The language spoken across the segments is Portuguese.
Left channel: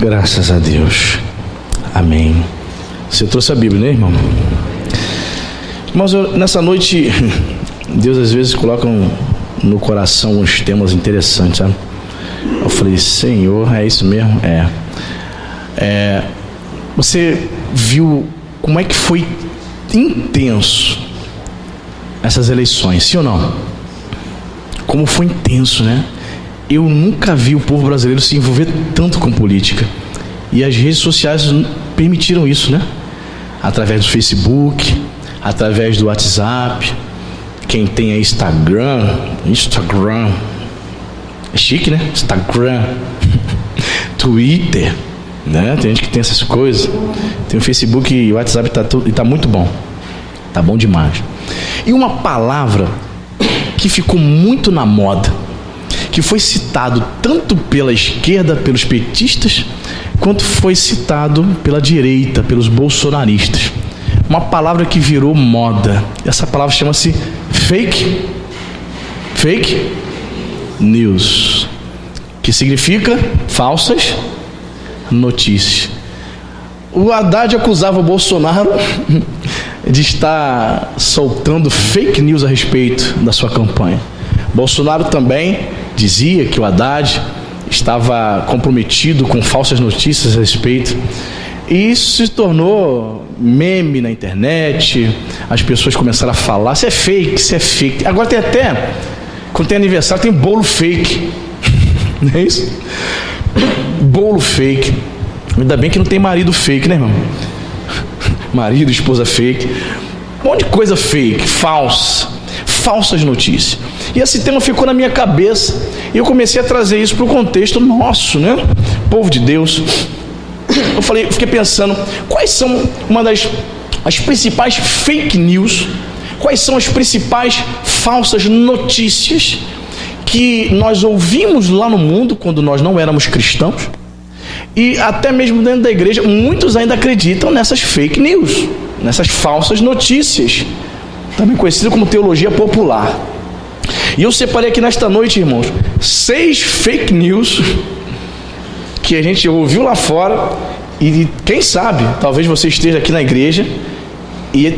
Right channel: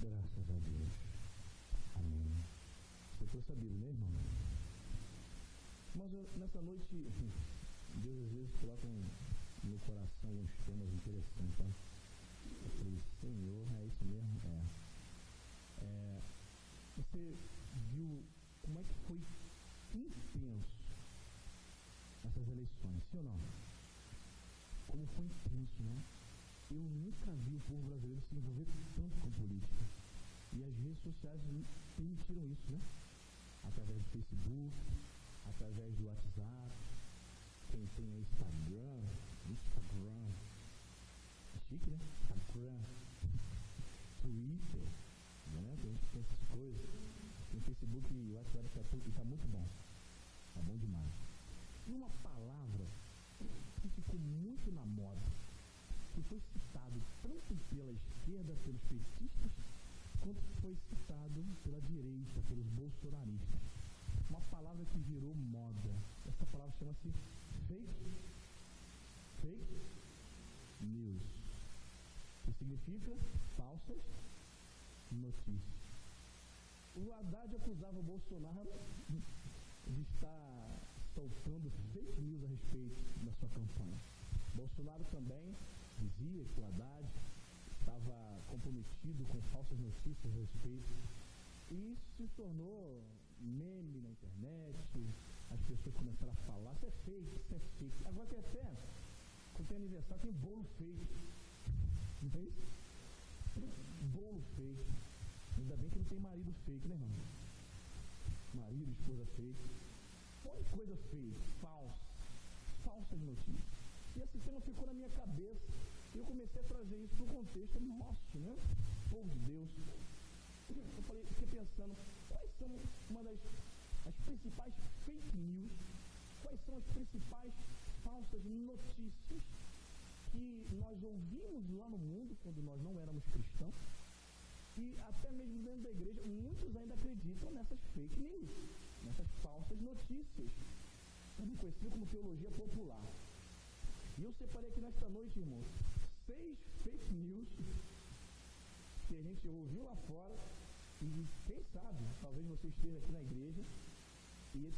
Graças a Deus. Amém. Você trouxe a Bíblia, né, irmão? Mas nessa noite, Deus às vezes coloca no coração uns temas interessantes, sabe? Eu falei, Senhor, é isso mesmo? Você viu como é que foi intenso essas eleições, sim ou não? Como foi intenso, né? Eu nunca vi o povo brasileiro se envolver tanto com política. E as redes sociais permitiram isso, né? Através do Facebook, através do WhatsApp. Quem tem aí Instagram. É chique, né? Instagram. Twitter, né? Tem gente que tem essas coisas. Tem o Facebook e o WhatsApp e tá muito bom. Tá bom demais. E uma palavra que ficou muito na moda, que foi citado tanto pela esquerda, pelos petistas, quanto foi citado pela direita, pelos bolsonaristas. Uma palavra que virou moda. Essa palavra chama-se fake news, que significa falsas notícias. O Haddad acusava o Bolsonaro de estar soltando fake news a respeito da sua campanha. Bolsonaro também dizia que o Haddad estava comprometido com falsas notícias a respeito. E isso se tornou meme na internet. As pessoas começaram a falar, isso é fake. Agora tem até, quando tem aniversário, tem bolo fake. Não é isso? Bolo fake. Ainda bem que não tem marido fake, né, irmão? Marido, esposa fake. Um monte de coisa fake, falsas notícias. E esse tema ficou na minha cabeça. E eu comecei a trazer isso para o contexto nosso, né? Povo de Deus. Eu fiquei pensando, quais são as principais fake news? Quais são as principais falsas notícias que nós ouvimos lá no mundo quando nós não éramos cristãos? E até mesmo dentro da igreja, muitos ainda acreditam nessas fake news, nessas falsas notícias, também conhecido como teologia popular. E eu separei aqui nesta noite, irmãos, 6 fake news que a gente ouviu lá fora. E quem sabe, talvez você esteja aqui na igreja e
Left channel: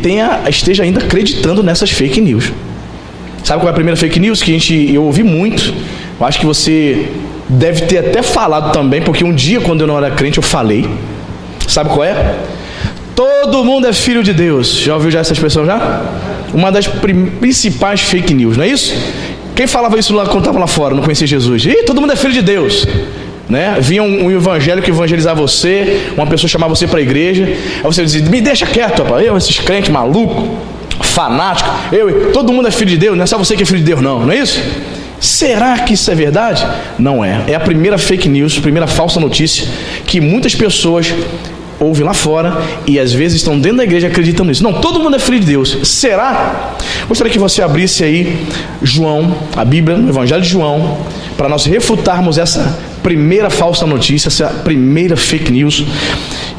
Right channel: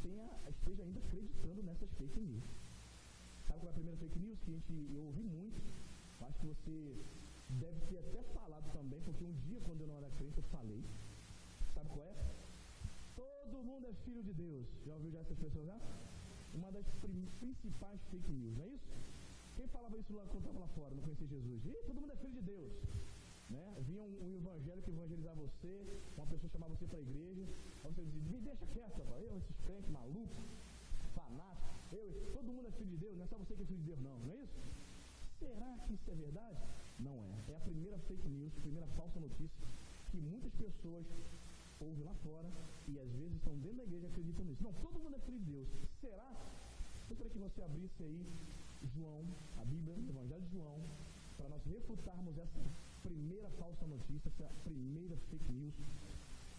esteja ainda acreditando nessas fake news. Sabe qual é a primeira fake news que eu ouvi muito? Eu acho que você deve ter até falado também, porque um dia, quando eu não era crente, eu falei. Sabe qual é? Todo mundo é filho de Deus. Já ouviu essa expressão já? Uma das principais fake news, não é isso? Quem falava isso lá quando estava lá fora, não conhecia Jesus? Todo mundo é filho de Deus, né? Vinha um evangélico evangelizar você, uma pessoa chamava você para a igreja, aí você dizia, me deixa quieto, rapaz. Esses crentes malucos, fanáticos, todo mundo é filho de Deus, não é só você que é filho de Deus, não é isso? Será que isso é verdade? Não é. É a primeira fake news, primeira falsa notícia que muitas pessoas ouvem lá fora e às vezes estão dentro da igreja acreditando nisso. Não, todo mundo é filho de Deus. Será? Gostaria que você abrisse aí João, a Bíblia, no Evangelho de João, para nós refutarmos essa primeira falsa notícia, essa primeira fake news.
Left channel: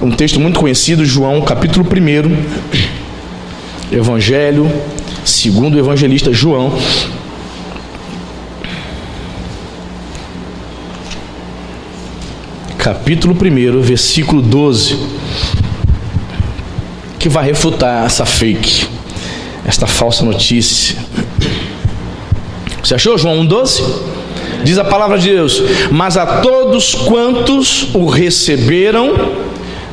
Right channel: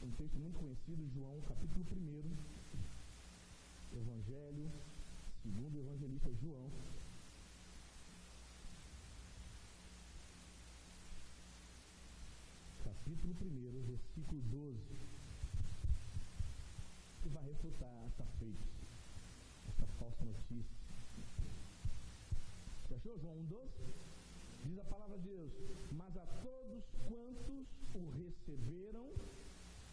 Um texto muito conhecido, João, capítulo 1, Evangelho, segundo o evangelista João. Capítulo 1, versículo 12, que vai refutar essa fake, esta falsa notícia. Você achou João 1,12? Diz a palavra de Deus: mas a todos quantos o receberam,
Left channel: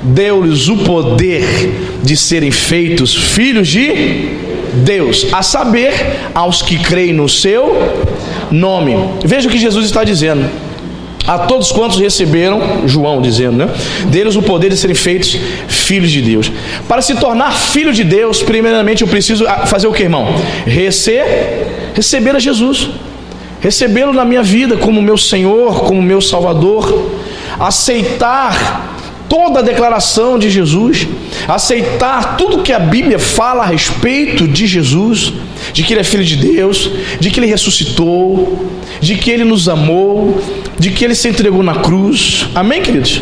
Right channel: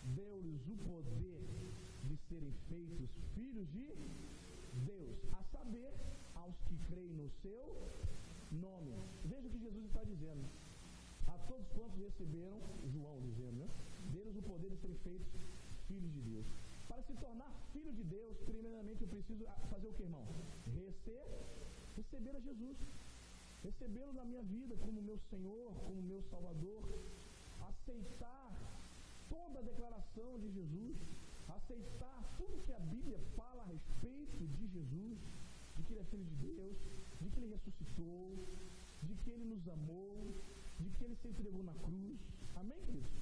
deu-lhes o poder de serem feitos filhos de Deus, a saber, aos que creem no seu nome. Veja o que Jesus está dizendo. A todos quantos receberam, João dizendo, né? Deles o poder de serem feitos filhos de Deus. Para se tornar filho de Deus, primeiramente eu preciso fazer o que, irmão? Receber a Jesus. Recebê-lo na minha vida como meu Senhor, como meu Salvador. Aceitar toda a declaração de Jesus. Aceitar tudo que a Bíblia fala a respeito de Jesus. De que Ele é Filho de Deus, de que Ele ressuscitou, de que Ele nos amou, de que Ele se entregou na cruz. Amém, queridos?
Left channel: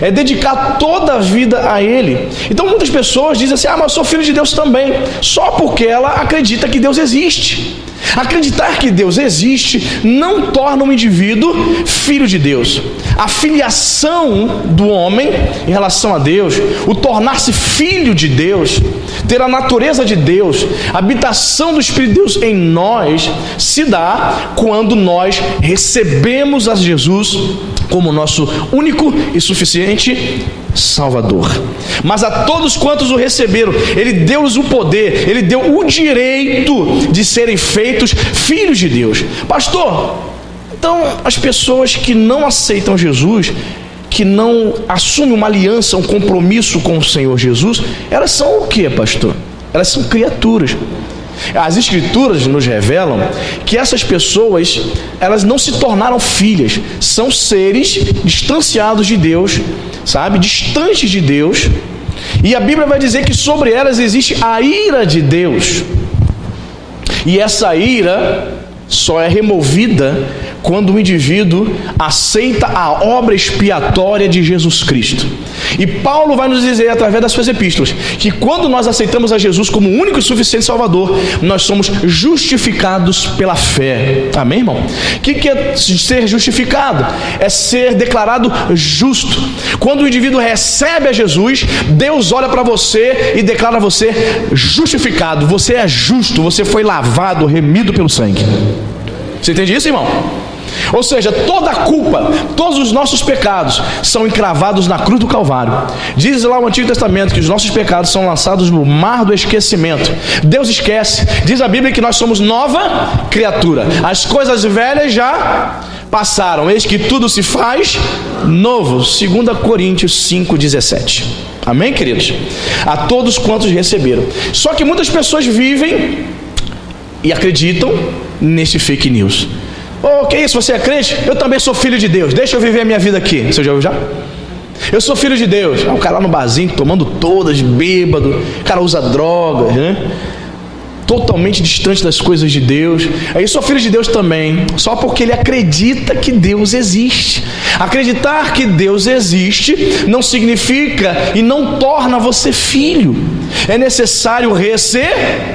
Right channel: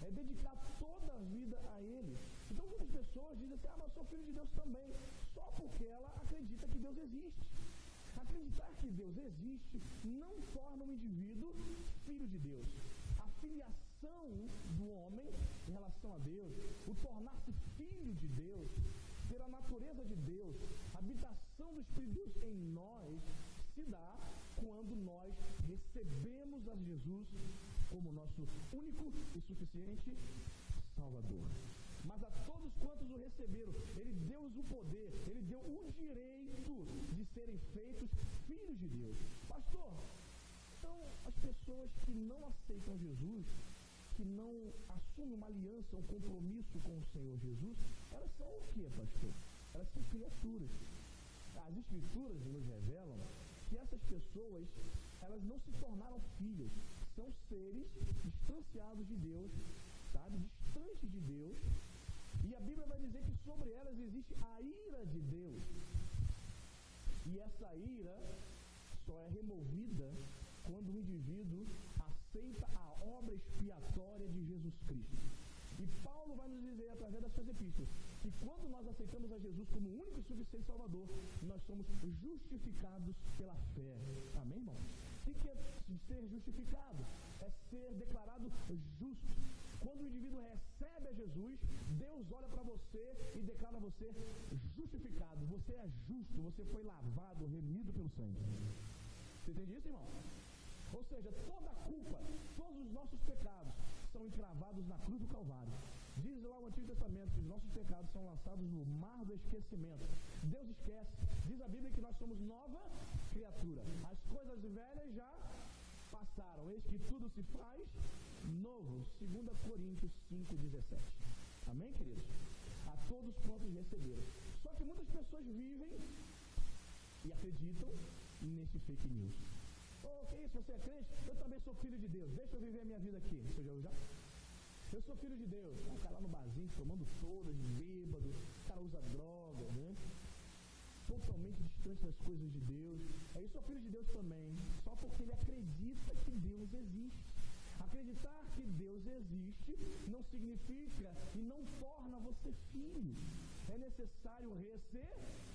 É dedicar toda a vida a Ele. Então muitas pessoas dizem assim, mas eu sou filho de Deus também, só porque ela acredita que Deus existe. Acreditar que Deus existe não torna um indivíduo filho de Deus. A filiação do homem em relação a Deus, o tornar-se filho de Deus, ter a natureza de Deus, a habitação do Espírito de Deus em nós, se dá quando nós recebemos a Jesus como nosso único e suficiente Salvador. Mas a todos quantos o receberam, Ele deu-lhes o poder, Ele deu o direito de serem feitos filhos de Deus. Pastor, então as pessoas que não aceitam Jesus, que não assumem uma aliança, um compromisso com o Senhor Jesus, elas são o que, pastor? Elas são criaturas. As Escrituras nos revelam que essas pessoas, elas não se tornaram filhas, são seres distanciados de Deus, sabe, distantes de Deus, e a Bíblia vai dizer que sobre elas existe a ira de Deus, e essa ira só é removida quando o indivíduo aceita a obra expiatória de Jesus Cristo. E Paulo vai nos dizer através das suas epístolas que quando nós aceitamos a Jesus como o único e suficiente Salvador, nós somos justificados pela fé. Amém, irmão? O que é ser justificado? É ser declarado justo. Quando o indivíduo recebe a Jesus, Deus olha para você e declara você justificado. Você é justo, você foi lavado, remido pelo sangue. Você entende isso, irmão? Ou seja, toda a culpa, todos os nossos pecados são encravados na cruz do Calvário. Diz lá o Antigo Testamento que os nossos pecados são lançados no mar do esquecimento. Deus esquece. Diz a Bíblia que nós somos nova criatura. As coisas velhas já passaram, eis que tudo se faz novo. 2 Coríntios 5,17. Amém, queridos? A todos quantos receberam. Só que muitas pessoas vivem e acreditam nesse fake news. Oh, que isso, você é crente? Eu também sou filho de Deus, deixa eu viver a minha vida aqui. Você já ouviu já? Eu sou filho de Deus. O cara lá no barzinho, tomando todas, bêbado, o cara usa drogas, né? Totalmente distante das coisas de Deus. Aí eu sou filho de Deus também, só porque ele acredita que Deus existe. Acreditar que Deus existe não significa e não torna você filho. É necessário receber.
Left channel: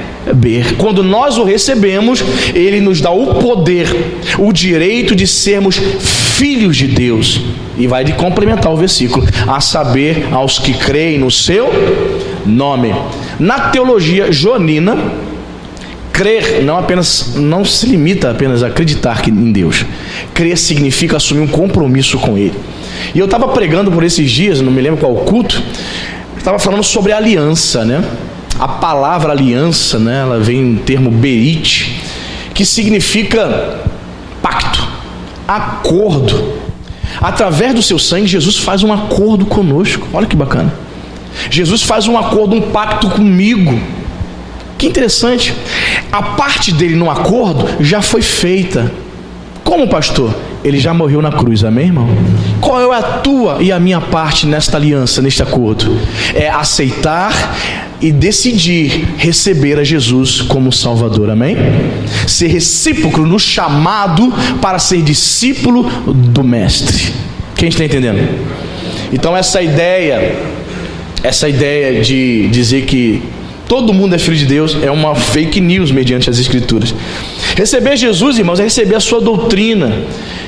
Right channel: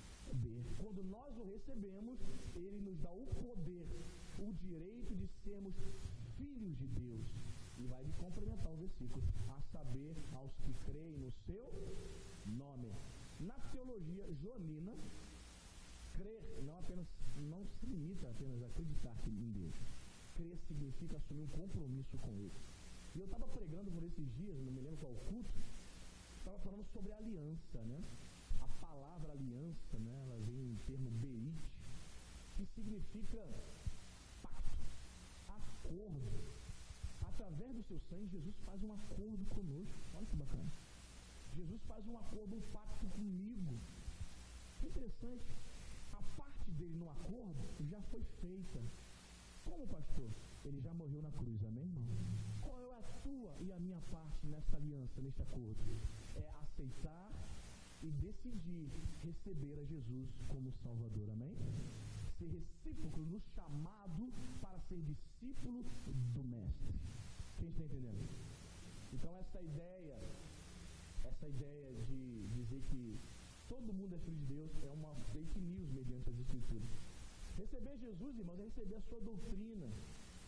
Quando nós o recebemos, Ele nos dá o poder, o direito de sermos filhos de Deus. E vai de complementar o versículo, a saber, aos que creem no seu nome. Na teologia joanina, crer não se limita apenas a acreditar em Deus. Crer significa assumir um compromisso com Ele. E eu estava pregando por esses dias, não me lembro qual culto, estava falando sobre aliança, né? A palavra aliança, né, ela vem do termo berit, que significa pacto, acordo. Através do seu sangue, Jesus faz um acordo conosco. Olha que bacana. Jesus faz um acordo, um pacto comigo. Que interessante. A parte dele no acordo já foi feita. Como, pastor? Ele já morreu na cruz, amém, irmão? Qual é a tua e a minha parte nesta aliança, neste acordo? É aceitar e decidir receber a Jesus como Salvador, amém? Ser recíproco no chamado para ser discípulo do Mestre. Quem está entendendo? Então essa ideia de dizer que todo mundo é filho de Deus é uma fake news mediante as Escrituras. Receber Jesus, irmãos, é receber a sua doutrina,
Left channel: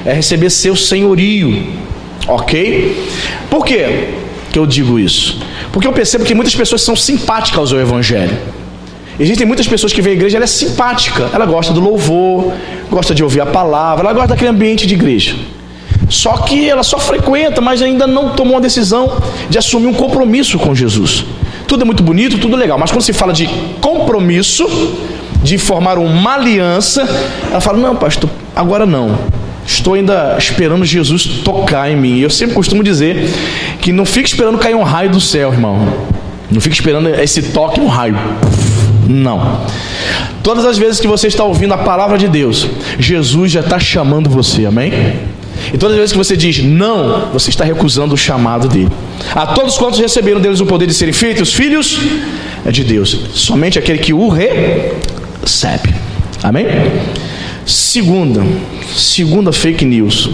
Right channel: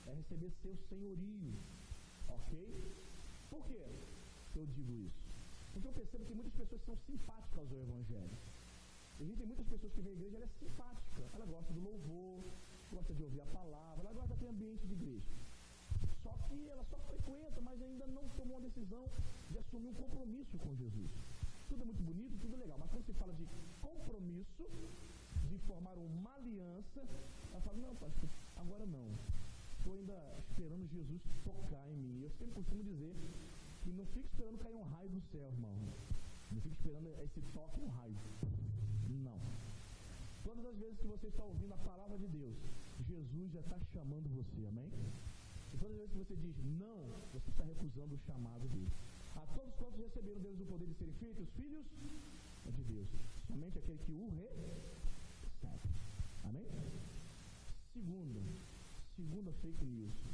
é receber seu senhorio, ok? Por quê que eu digo isso? Porque eu percebo que muitas pessoas são simpáticas ao Evangelho. Existem muitas pessoas que veem a igreja, ela é simpática, ela gosta do louvor, gosta de ouvir a palavra, ela gosta daquele ambiente de igreja. Só que ela só frequenta, mas ainda não tomou a decisão de assumir um compromisso com Jesus. Tudo é muito bonito, tudo legal, mas quando se fala de compromisso, de formar uma aliança, ela fala, não, pastor, agora não. Estou ainda esperando Jesus tocar em mim. E eu sempre costumo dizer que não fique esperando cair um raio do céu, irmão. Não fique esperando esse toque, um raio. Não. Todas as vezes que você está ouvindo a palavra de Deus, Jesus já está chamando você, amém? E todas as vezes que você diz não, você está recusando o chamado dele. A todos quantos receberam deles o poder de serem feitos filhos de Deus, somente aquele que o recebe, amém? Segunda fake news.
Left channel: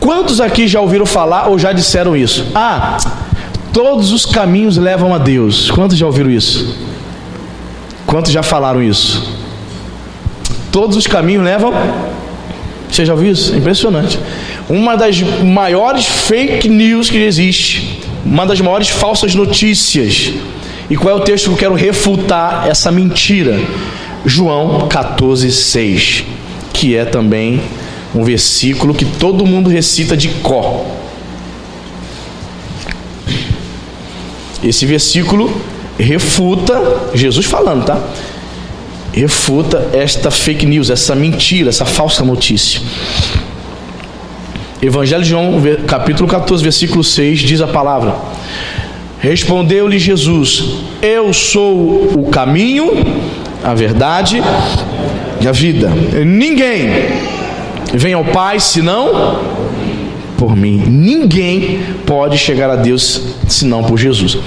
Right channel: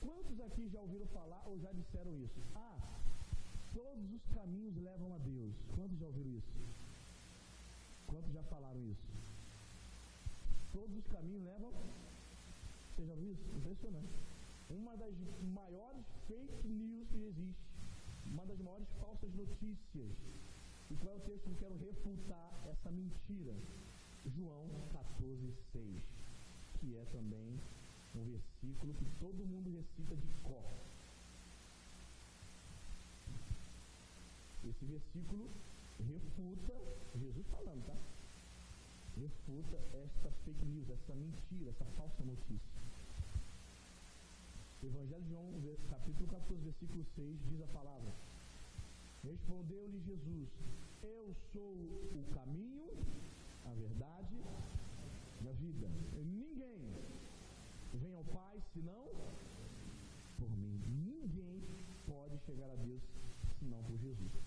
Quantos aqui já ouviram falar ou já disseram isso? Todos os caminhos levam a Deus. Quantos já ouviram isso? Quantos já falaram isso? Todos os caminhos levam... Você já ouviu isso? É impressionante. Uma das maiores fake news que existe, uma das maiores falsas notícias. E qual é o texto que eu quero refutar essa mentira? João 14:6, que é também um versículo que todo mundo recita de cor. Esse versículo refuta, Jesus falando, tá? Refuta esta fake news, essa mentira, essa falsa notícia. Evangelho de João, capítulo 14, versículo 6, diz a palavra: respondeu-lhe Jesus: eu sou o caminho, a verdade e a vida. Ninguém vem ao Pai senão por mim. Ninguém pode chegar a Deus senão por Jesus.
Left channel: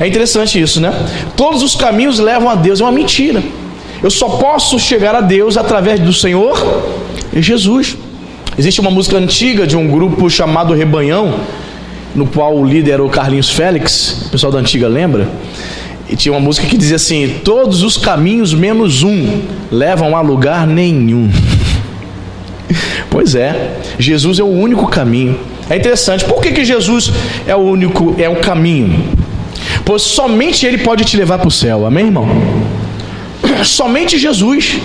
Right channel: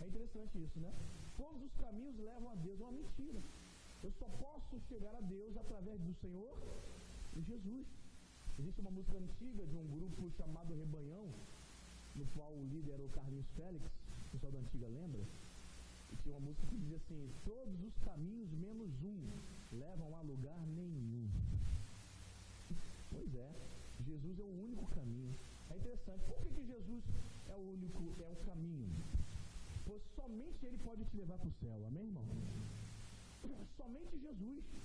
É interessante isso, né? Todos os caminhos levam a Deus. É uma mentira. Eu só posso chegar a Deus através do Senhor Jesus. Existe uma música antiga de um grupo chamado Rebanhão, no qual o líder era o Carlinhos Félix. O pessoal da antiga lembra? E tinha uma música que dizia assim: todos os caminhos menos um levam a lugar nenhum. Pois é, Jesus é o único caminho. É interessante, por que Jesus é o único, é o caminho? Pois somente Ele pode te levar para o céu, amém, irmão? Somente Jesus.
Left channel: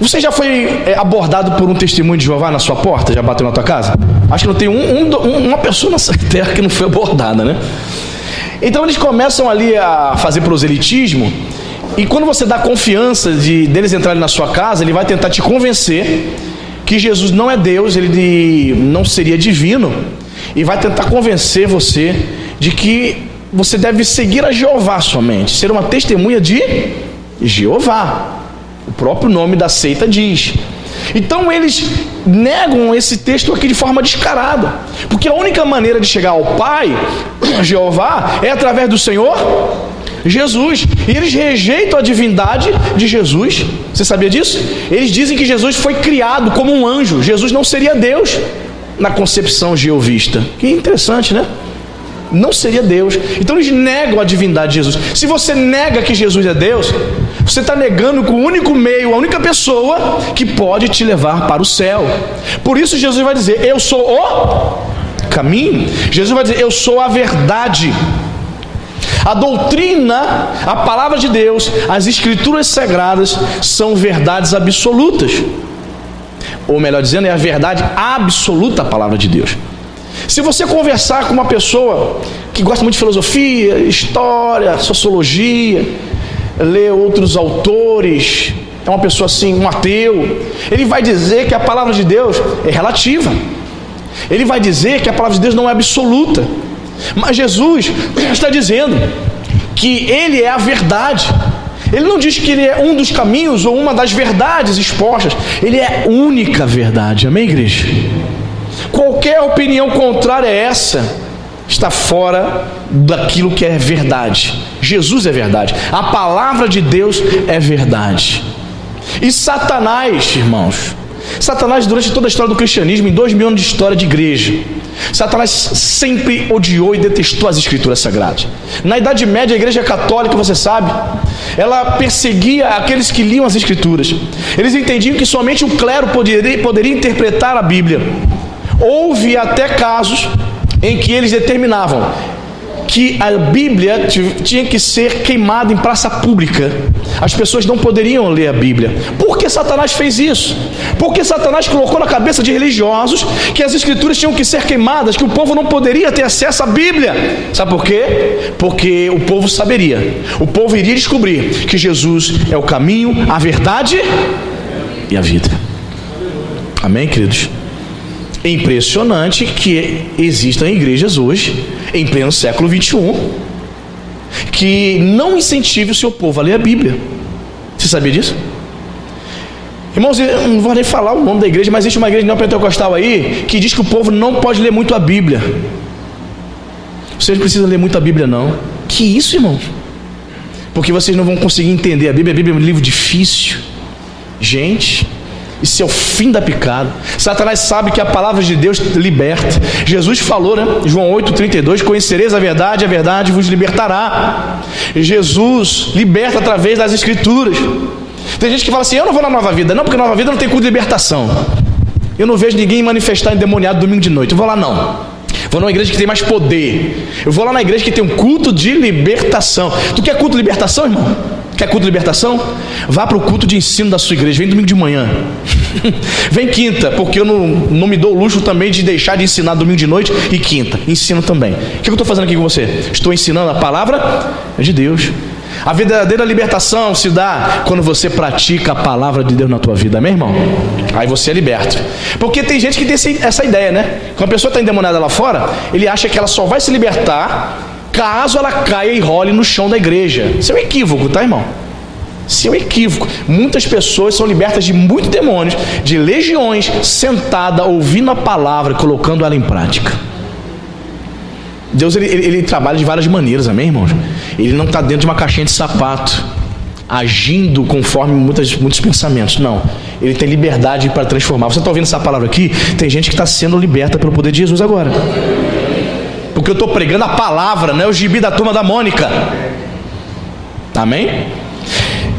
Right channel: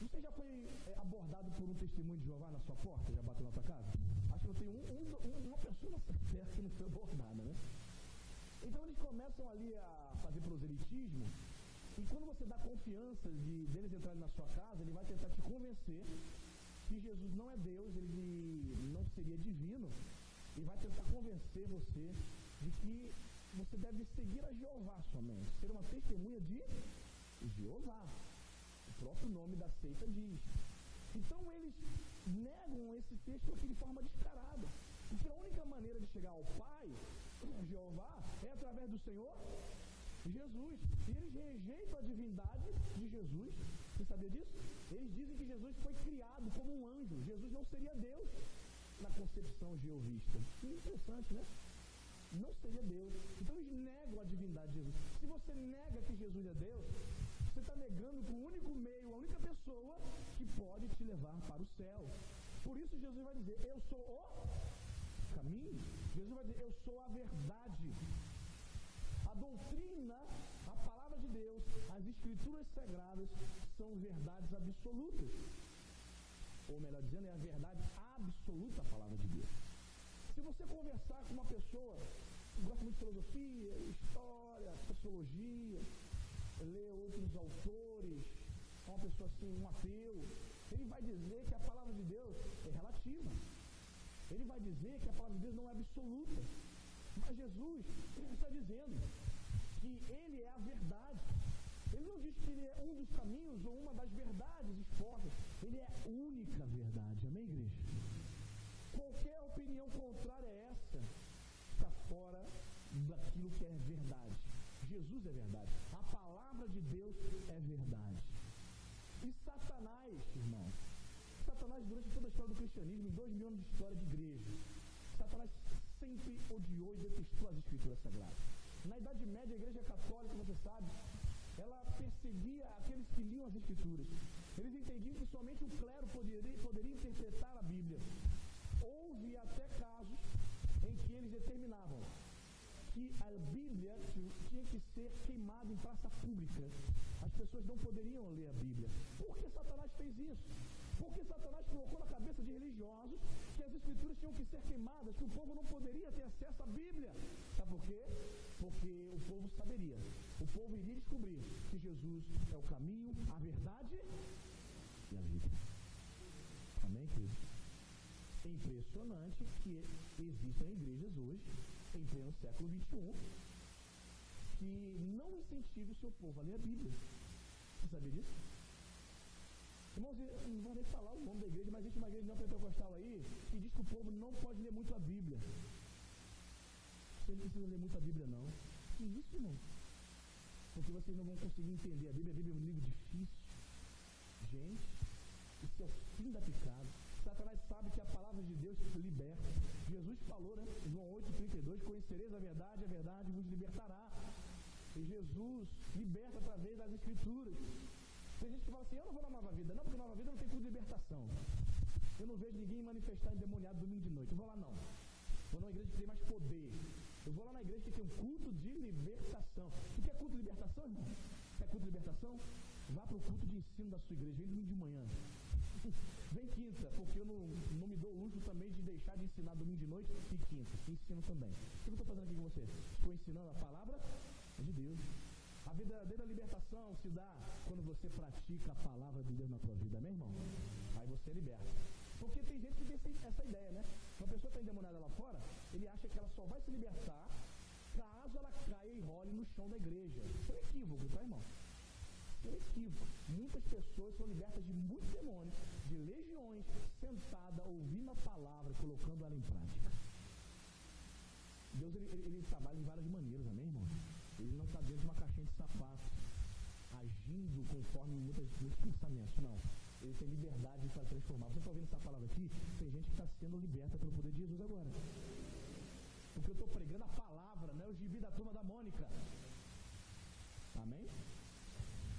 Você já foi abordado por um testemunho de Jeová na sua porta? Já bateu na tua casa? Acho que não tem uma pessoa nessa terra que não foi abordada, né? Então eles começam ali a fazer proselitismo, e quando você dá confiança deles entrarem na sua casa, ele vai tentar te convencer que Jesus não é Deus, ele não seria divino, e vai tentar convencer você de que você deve seguir a Jeová somente, ser uma testemunha de Jeová. O próprio nome da seita diz. Então eles negam esse texto aqui de forma descarada, porque a única maneira de chegar ao Pai, Jeová, é através do Senhor Jesus. E eles rejeitam a divindade de Jesus. Você sabia disso? Eles dizem que Jesus foi criado como um anjo. Jesus não seria Deus na concepção jeovista. Que interessante, né? Não seria Deus. Então eles negam a divindade de Jesus. Se você nega que Jesus é Deus, você está negando que o único meio, a única pessoa que pode te levar para o céu. Por isso Jesus vai dizer: eu sou o caminho. Jesus vai dizer: eu sou a verdade. A doutrina, a palavra de Deus, as escrituras sagradas são verdades absolutas. Ou melhor dizendo, é a verdade absoluta, a palavra de Deus. Se você conversar com uma pessoa que gosta muito de filosofia, história, sociologia, lê outros autores, é uma pessoa assim, um ateu, ele vai dizer que a palavra de Deus é relativa. Ele vai dizer que a palavra de Deus não é absoluta. Mas Jesus está dizendo que Ele é a verdade. Ele não diz que Ele é um dos caminhos ou uma das verdades expostas. Ele é a única verdade. Amém, igreja? Qualquer opinião contrária a essa está fora daquilo que é verdade. Jesus é verdade. A palavra de Deus é verdade. E Satanás, irmãos, Satanás, durante toda a história do cristianismo, em 2000 anos de história de igreja, Satanás sempre odiou e detestou as escrituras sagradas. Na Idade Média, a igreja católica, você sabe, ela perseguia aqueles que liam as escrituras. Eles entendiam que somente o clero poderia interpretar a Bíblia. Houve até casos em que eles determinavam que a Bíblia tinha que ser queimada em praça pública. As pessoas não poderiam ler a Bíblia. Por que Satanás fez isso? Porque Satanás colocou na cabeça de religiosos que as escrituras tinham que ser queimadas, que o povo não poderia ter acesso à Bíblia. Sabe por quê? Porque o povo saberia, o povo iria descobrir que Jesus é o caminho, a verdade e a vida. Amém, queridos? É impressionante que existam igrejas hoje, em pleno século 21, que não incentive o seu povo a ler a Bíblia. Você sabia disso? Irmãos, eu não vou nem falar o nome da igreja, mas existe uma igreja neopentecostal aí que diz que o povo não pode ler muito a Bíblia. Vocês não precisam ler muito a Bíblia, não. Que isso, irmãos? Porque vocês não vão conseguir entender a Bíblia. A Bíblia é um livro difícil. Gente, isso é o fim da picada. Satanás sabe que a palavra de Deus liberta. Jesus falou, né? João 8,32: conhecereis a verdade vos libertará. Jesus liberta através das escrituras. Tem gente que fala assim, eu não vou na Nova Vida. Não, porque Nova Vida não tem culto de libertação. Eu não vejo ninguém manifestar endemoniado domingo de noite. Eu vou lá não. Vou numa igreja que tem mais poder. Eu vou lá na igreja que tem um culto de libertação. Tu quer culto de libertação, irmão? Quer culto de libertação? Vá para o culto de ensino da sua igreja. Vem domingo de manhã. Vem quinta, porque eu não me dou o luxo também de deixar de ensinar domingo de noite e quinta. Ensino também. O que eu estou fazendo aqui com você? Estou ensinando a palavra de Deus. A verdadeira libertação se dá quando você pratica a palavra de Deus na tua vida, amém, irmão? Aí você é liberto. Porque tem gente que tem essa ideia, né? Quando a pessoa está endemoniada lá fora, ele acha que ela só vai se libertar caso ela caia e role no chão da igreja. Isso é um equívoco, tá, irmão? Isso é um equívoco. Muitas pessoas são libertas de muitos demônios, de legiões, sentada, ouvindo a palavra, colocando ela em prática. Deus ele trabalha de várias maneiras, amém, irmãos? Ele não está dentro de uma caixinha de sapato, agindo conforme muitos pensamentos. Não, ele tem liberdade para transformar. Você está ouvindo essa palavra aqui? Tem gente que está sendo liberta pelo poder de Jesus agora, porque eu estou pregando a palavra, não é o gibi da turma da Mônica. Amém?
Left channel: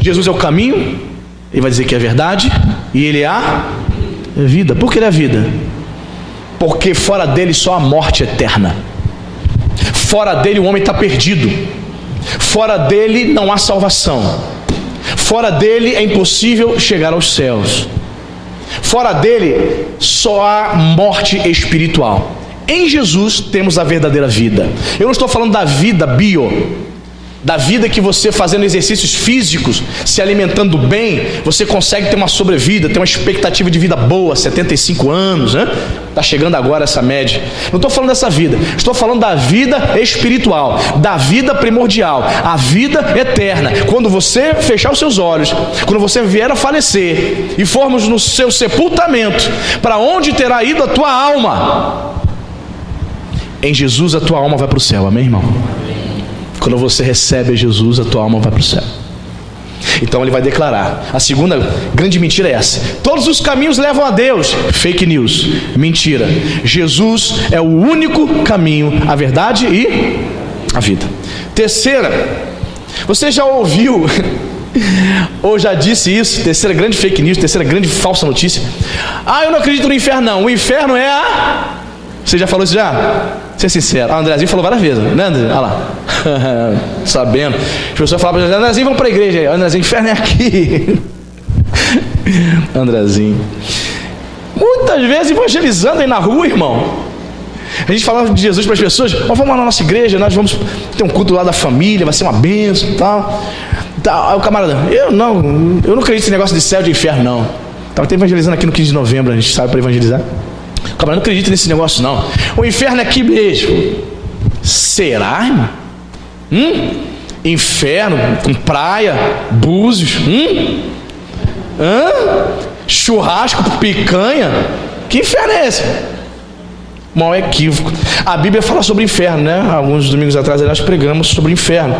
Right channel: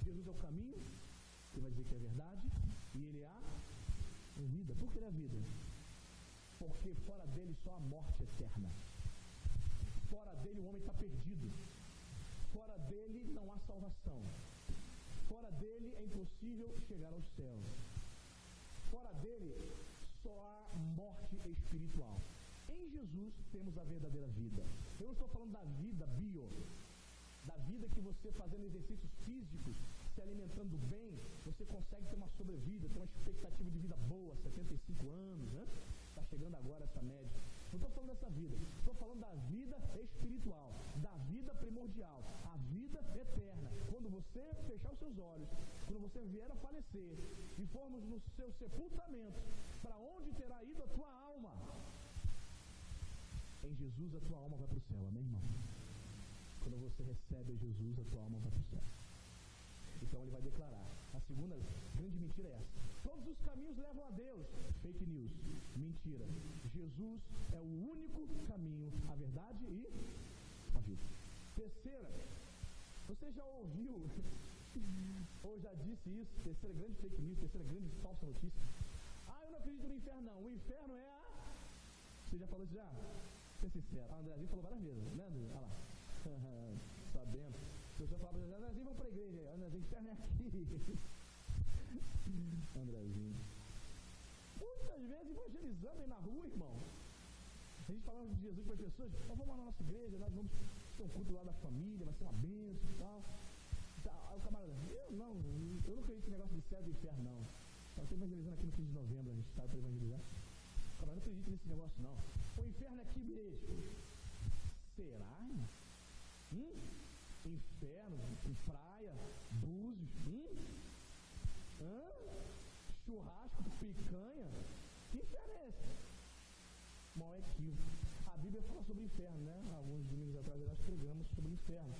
Jesus é o caminho, ele vai dizer que é verdade, e ele é a vida. Por que ele é a vida? Porque fora dele só a morte eterna. Fora dele o homem está perdido. Fora dele não há salvação. Fora dele é impossível chegar aos céus. Fora dele só há morte espiritual. Em Jesus temos a verdadeira vida. Eu não estou falando da vida da vida que você fazendo exercícios físicos, se alimentando bem, você consegue ter uma sobrevida, ter uma expectativa de vida boa, 75 anos, né? Está chegando agora essa média. Não estou falando dessa vida, estou falando da vida espiritual, da vida primordial, a vida eterna. Quando você fechar os seus olhos, quando você vier a falecer e formos no seu sepultamento, para onde terá ido a tua alma? Em Jesus a tua alma vai para o céu, amém, irmão? Quando você recebe Jesus, a tua alma vai para o céu. Então ele vai declarar. A segunda grande mentira é essa: todos os caminhos levam a Deus. Fake news, mentira. Jesus é o único caminho, a verdade e a vida. Terceira, você já ouviu ou já disse isso? Terceira grande fake news, terceira grande falsa notícia: eu não acredito no inferno não. O inferno é a... Você já falou isso já? Ser sincero. O Andrezinho falou várias vezes, né, André? Olha lá. Sabendo. As pessoas falavam, Andrezinho, vamos para a igreja aí. Andrezinho, inferno é aqui. Andrezinho. Muitas vezes evangelizando aí na rua, irmão. A gente falava de Jesus para as pessoas: vamos lá na nossa igreja, nós vamos ter um culto lá da família, vai ser uma bênção e tal. Aí o camarada: eu não acredito nesse negócio de céu e de inferno, não. Estava até evangelizando aqui no 15 de novembro, a gente sabe, para evangelizar. O camarada não acredita nesse negócio, não. O inferno é aqui mesmo. Será, irmão? Inferno com praia, búzios, churrasco, picanha. Que inferno é esse? Mal equívoco. A Bíblia fala sobre inferno, né? Alguns domingos atrás nós pregamos sobre o inferno.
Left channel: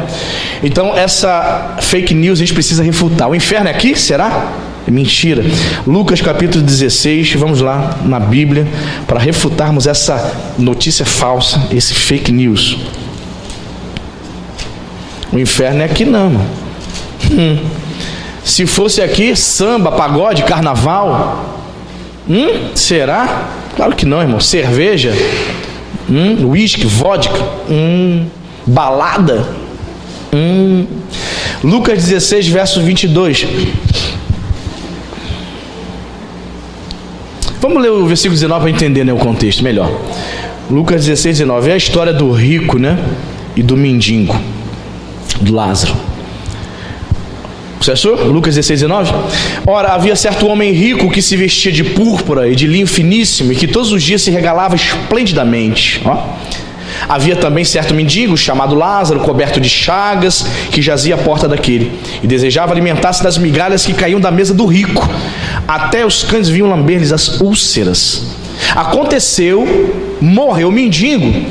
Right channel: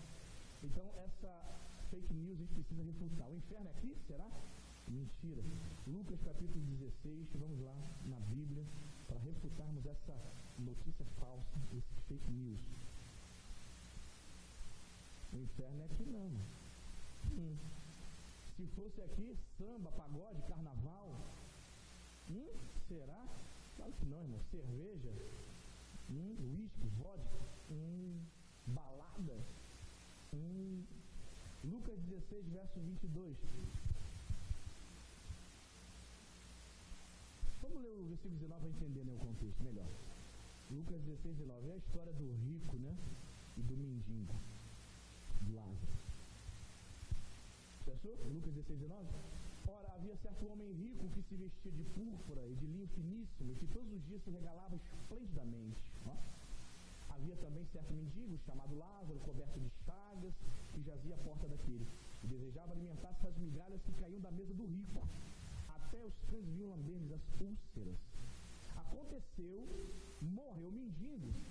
Então essa fake news a gente precisa refutar. O inferno é aqui? Será? É mentira. Lucas capítulo 16, vamos lá na Bíblia para refutarmos essa notícia falsa, esse fake news. O inferno é aqui não, mano. Se fosse aqui, samba, pagode, carnaval, será? Claro que não, irmão. Cerveja, uísque, vodka, balada. Lucas 16, verso 22. Vamos ler o versículo 19 para entender, né, o contexto melhor. Lucas 16, 19. É a história do rico, né? E do mendigo, do Lázaro. Você achou? Lucas 16, 19. Ora, havia certo homem rico que se vestia de púrpura e de linho finíssimo e que todos os dias se regalava esplendidamente. Havia também certo mendigo chamado Lázaro, coberto de chagas, que jazia à porta daquele e desejava alimentar-se das migalhas que caíam da mesa do rico. Até os cães vinham lamber-lhes as úlceras. Aconteceu, morreu o mendigo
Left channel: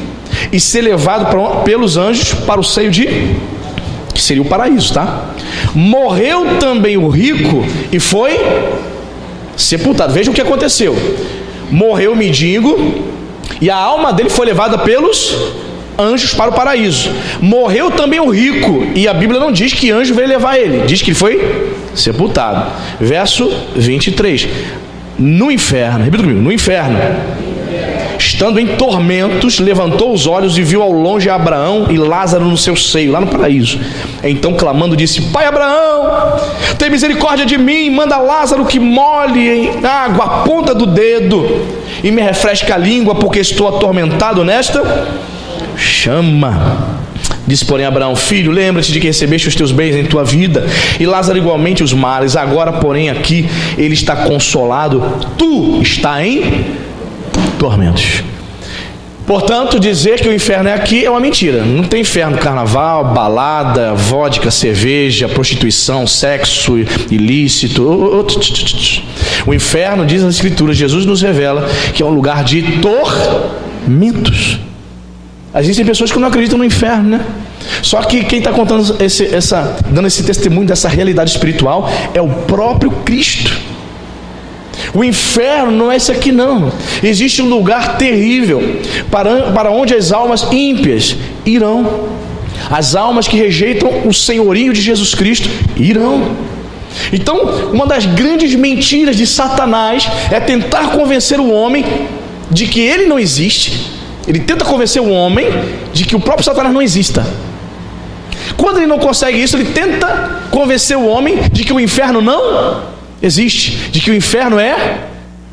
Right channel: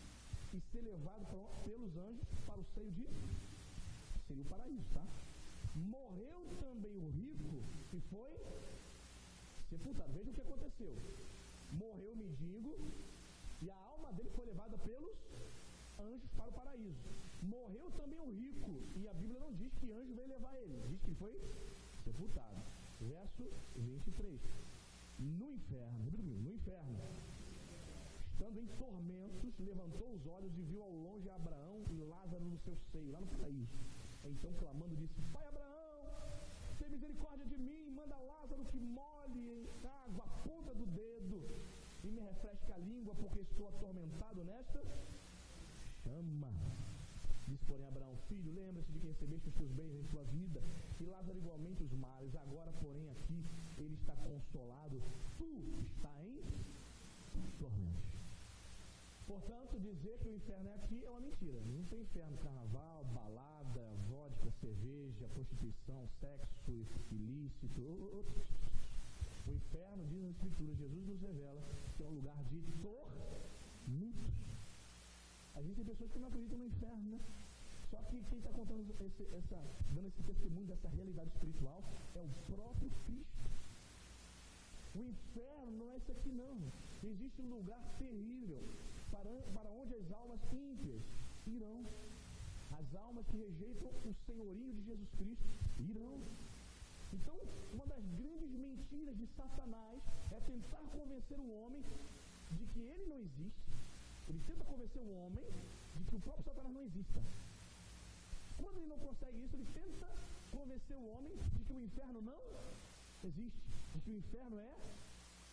e ser levado pelos anjos para o seio que seria o paraíso, tá? Morreu também o rico e foi sepultado. Veja o que aconteceu. Morreu o mendigo e a alma dele foi levada pelos anjos para o paraíso. Morreu também o rico, e a Bíblia não diz que anjo veio levar ele, diz que ele foi sepultado. Verso 23. No inferno, repita comigo, no inferno, estando em tormentos, levantou os olhos e viu ao longe Abraão e Lázaro no seu seio, lá no paraíso. Então clamando disse: Pai Abraão, tem misericórdia de mim, manda Lázaro que molhe em água a ponta do dedo e me refresque a língua, porque estou atormentado nesta chama. Disse, porém, Abraão: Filho, lembra-te de que recebeste os teus bens em tua vida, e Lázaro igualmente os males. Agora, porém, aqui ele está consolado, tu está em tormentos. Portanto, dizer que o inferno é aqui é uma mentira. Não tem inferno, carnaval, balada, vodka, cerveja, prostituição, sexo ilícito. O inferno, diz nas Escrituras, Jesus nos revela que é um lugar de tormentos. Existem pessoas que não acreditam no inferno, né? Só que quem está contando dando esse testemunho dessa realidade espiritual é o próprio Cristo. O inferno não é esse aqui não. Existe um lugar terrível para onde as almas ímpias irão. As almas que rejeitam o senhorio de Jesus Cristo irão. Então, uma das grandes mentiras de Satanás é tentar convencer o homem de que ele não existe. Ele tenta convencer o homem de que o próprio Satanás não exista. Quando ele não consegue isso, ele tenta convencer o homem de que o inferno não existe, de que o inferno é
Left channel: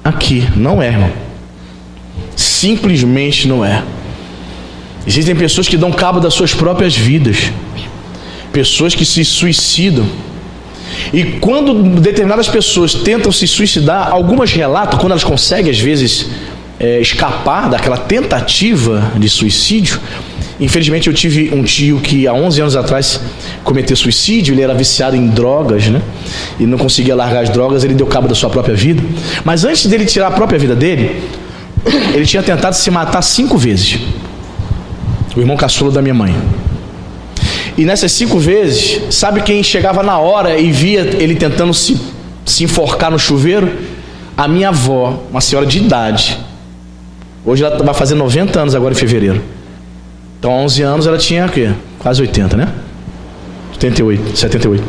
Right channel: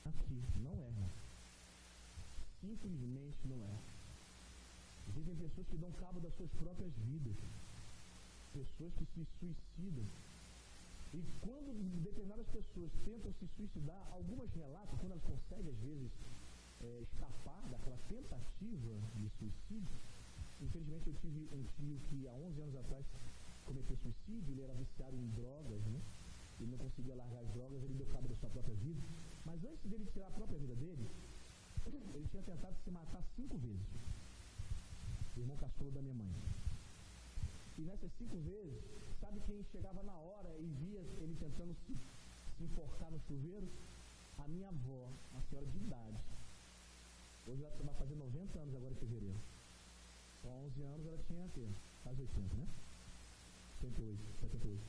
aqui. Não é, irmão. Simplesmente não é. Existem pessoas que dão cabo das suas próprias vidas, pessoas que se suicidam. E quando determinadas pessoas tentam se suicidar, algumas relatam, quando elas conseguem às vezes escapar daquela tentativa de suicídio. Infelizmente eu tive um tio que há 11 anos atrás cometeu suicídio. Ele era viciado em drogas, né? E não conseguia largar as drogas. Ele deu cabo da sua própria vida. Mas antes dele tirar a própria vida dele, ele tinha tentado se matar 5 vezes. O irmão caçula da minha mãe. E nessas 5 vezes, sabe quem chegava na hora e via ele tentando se enforcar no chuveiro? A minha avó, uma senhora de idade. Hoje ela vai fazer 90 anos agora em fevereiro. Então há 11 anos ela tinha o quê? Quase 80, né? 78.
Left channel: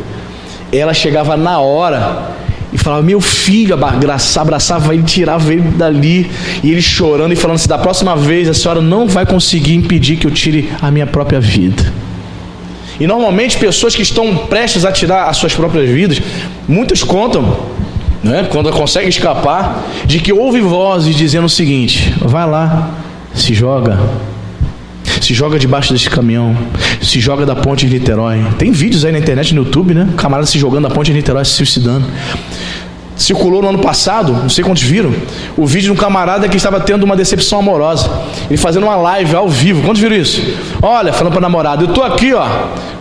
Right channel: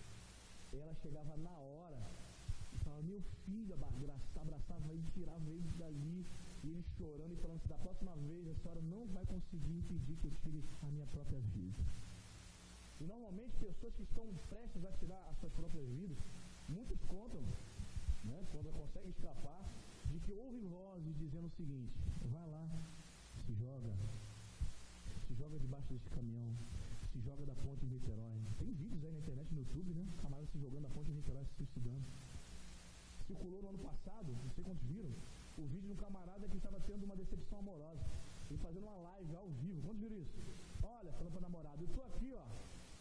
Ela chegava na hora e falava: meu filho, abraçava ele, tirava ele dali. E ele chorando e falando assim: da próxima vez a senhora não vai conseguir impedir que eu tire a minha própria vida. E normalmente pessoas que estão prestes a tirar as suas próprias vidas, muitos contam, né, quando conseguem escapar, de que houve vozes dizendo o seguinte: vai lá, se joga debaixo desse caminhão, se joga da ponte de Niterói. Tem vídeos aí na internet, no YouTube, né? Camarada se jogando da ponte de Niterói, se suicidando. Circulou no ano passado, não sei quantos viram, o vídeo de um camarada que estava tendo uma decepção amorosa, ele fazendo uma live ao vivo. Quantos viram isso? Olha, falando para a namorada: eu tô aqui, ó,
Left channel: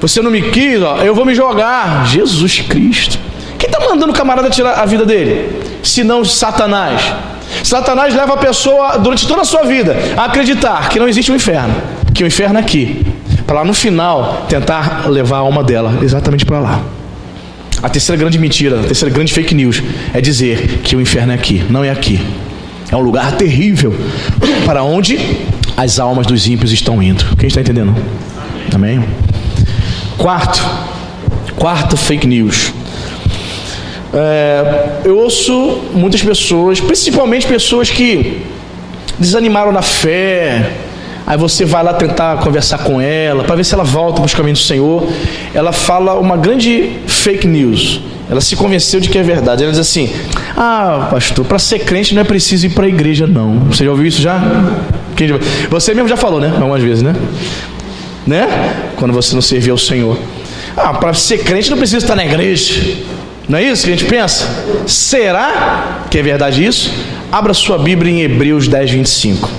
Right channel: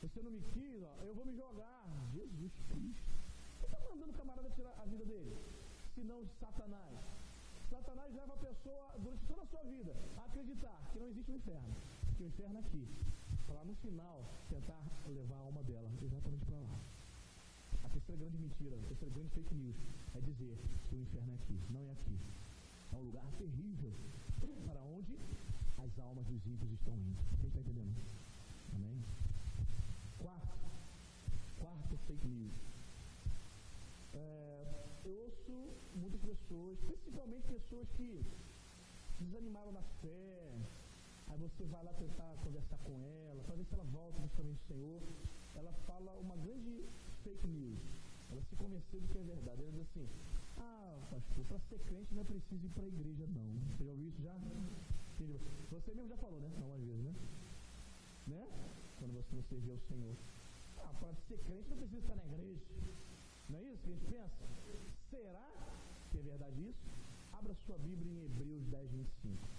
você não me quis, ó, eu vou me jogar. Jesus Cristo. Quem está mandando o camarada tirar a vida dele? Se não Satanás. Satanás leva a pessoa durante toda a sua vida a acreditar que não existe um inferno, que o inferno é aqui, para lá no final tentar levar a alma dela exatamente para lá. A terceira grande mentira, a terceira grande fake news é dizer que o inferno é aqui. Não é aqui. É um lugar terrível para onde as almas dos ímpios estão indo. Quem está entendendo? Amém? Quarto fake news. Eu ouço muitas pessoas, principalmente pessoas que desanimaram na fé. Aí você vai lá tentar conversar com ela para ver se ela volta para os caminhos do Senhor. Ela fala uma grande fake news. Ela se convenceu de que é verdade. Ela diz assim: ah, pastor, para ser crente não é preciso ir para a igreja, não. Você já ouviu isso já? Você mesmo já falou, né? Algumas vezes, né? Quando você não servia ao Senhor. Ah, para ser crente não precisa estar na igreja. Não é isso que a gente pensa? Será que é verdade isso? Abra sua Bíblia em Hebreus 10, 25.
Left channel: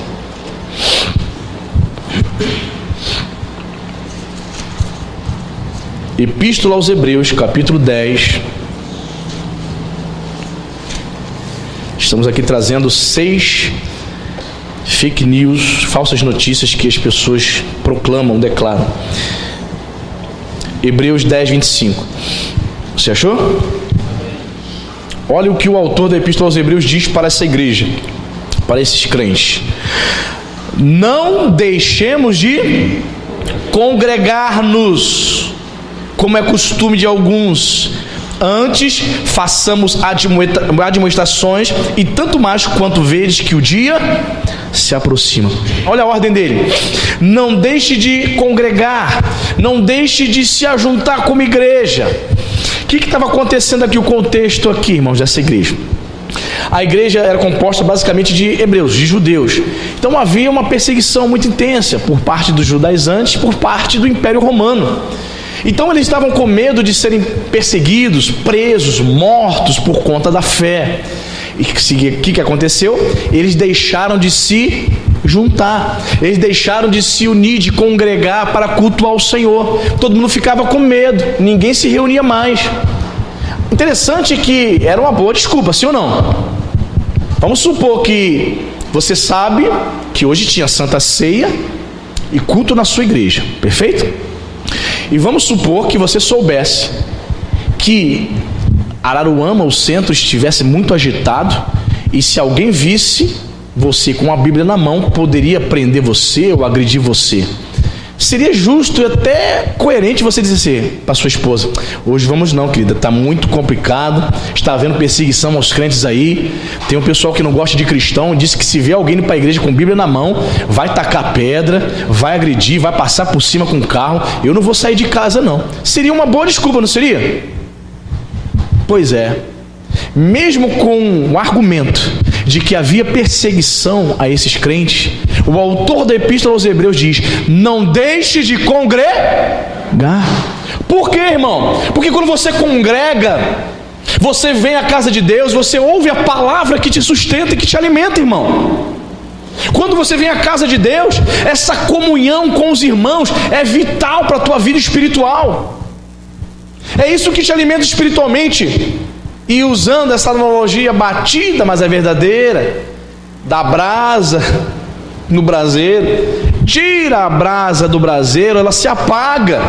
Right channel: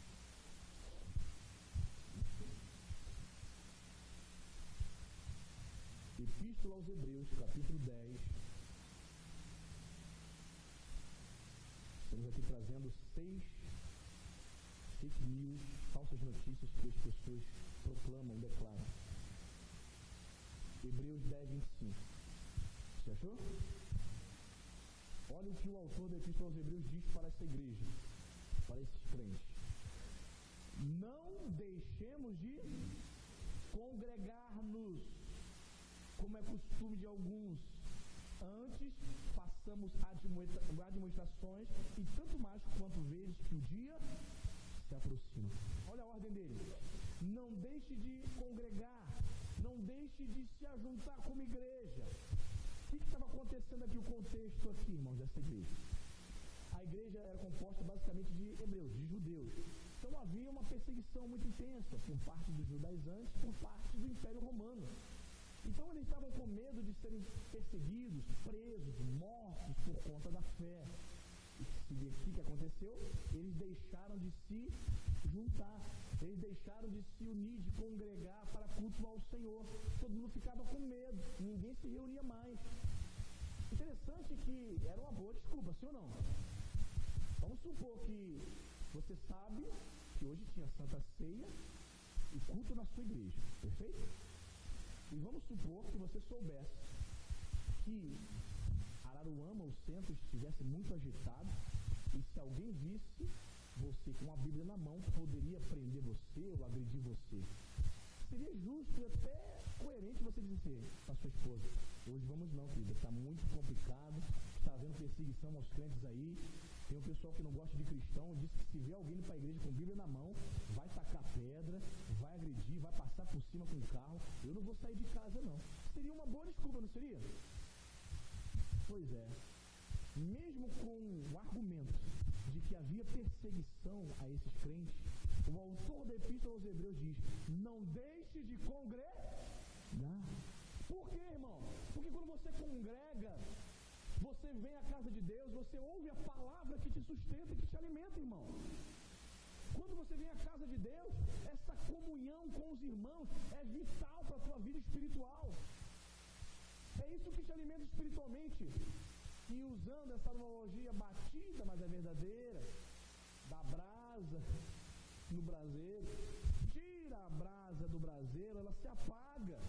Epístola aos Hebreus, capítulo 10. Estamos aqui trazendo 6 fake news, falsas notícias que as pessoas proclamam, declaram. Hebreus 10, 25. Você achou? Olha o que o autor da Epístola aos Hebreus diz para essa igreja, para esses crentes. não deixemos de congregar-nos, como é costume de alguns. Antes, façamos admoestações, e tanto mais quanto vedes que o dia se aproxima. Olha a ordem dele: não deixe de congregar, não deixe de se ajuntar como igreja. O que estava acontecendo aqui, o contexto aqui, irmãos, dessa igreja? A igreja era composta basicamente de hebreus, de judeus. Então havia uma perseguição muito intensa por parte dos judaizantes, por parte do Império Romano. Então eles estavam com medo de serem perseguidos, presos, mortos por conta da fé. E o que aconteceu? Eles deixaram de se juntar, eles deixaram de se unir, de congregar para cultuar o Senhor. Todo mundo ficava com medo, ninguém se reunia mais. Interessante que era uma boa desculpa, sim ou não? Vamos supor que você sabe que hoje tinha Santa Ceia e culto na sua igreja, perfeito? E vamos supor que você soubesse que Araruama, o centro, estivesse muito agitado, e se alguém visse você com a Bíblia na mão, poderia prender você ou agredir você. Seria justo e até coerente você dizer assim para sua esposa: hoje vamos não, querida, está muito complicado, está havendo perseguição aos crentes aí, tem um pessoal que não gosta de cristão, disse que se vê alguém indo para a igreja com Bíblia na mão, vai tacar pedra, vai agredir, vai passar por cima com o carro, eu não vou sair de casa não. Seria uma boa desculpa, não seria? Pois é, mesmo com o argumento de que havia perseguição a esses crentes, o autor da Epístola aos Hebreus diz: não deixe de congregar. Por quê, irmão? Porque quando você congrega, você vem à casa de Deus, você ouve a palavra que te sustenta e que te alimenta, irmão. Quando você vem à casa de Deus, essa comunhão com os irmãos é vital para a tua vida espiritual. É isso que te alimenta espiritualmente. E usando essa analogia batida, mas é verdadeira, da brasa no braseiro, tira a brasa do braseiro, ela se apaga.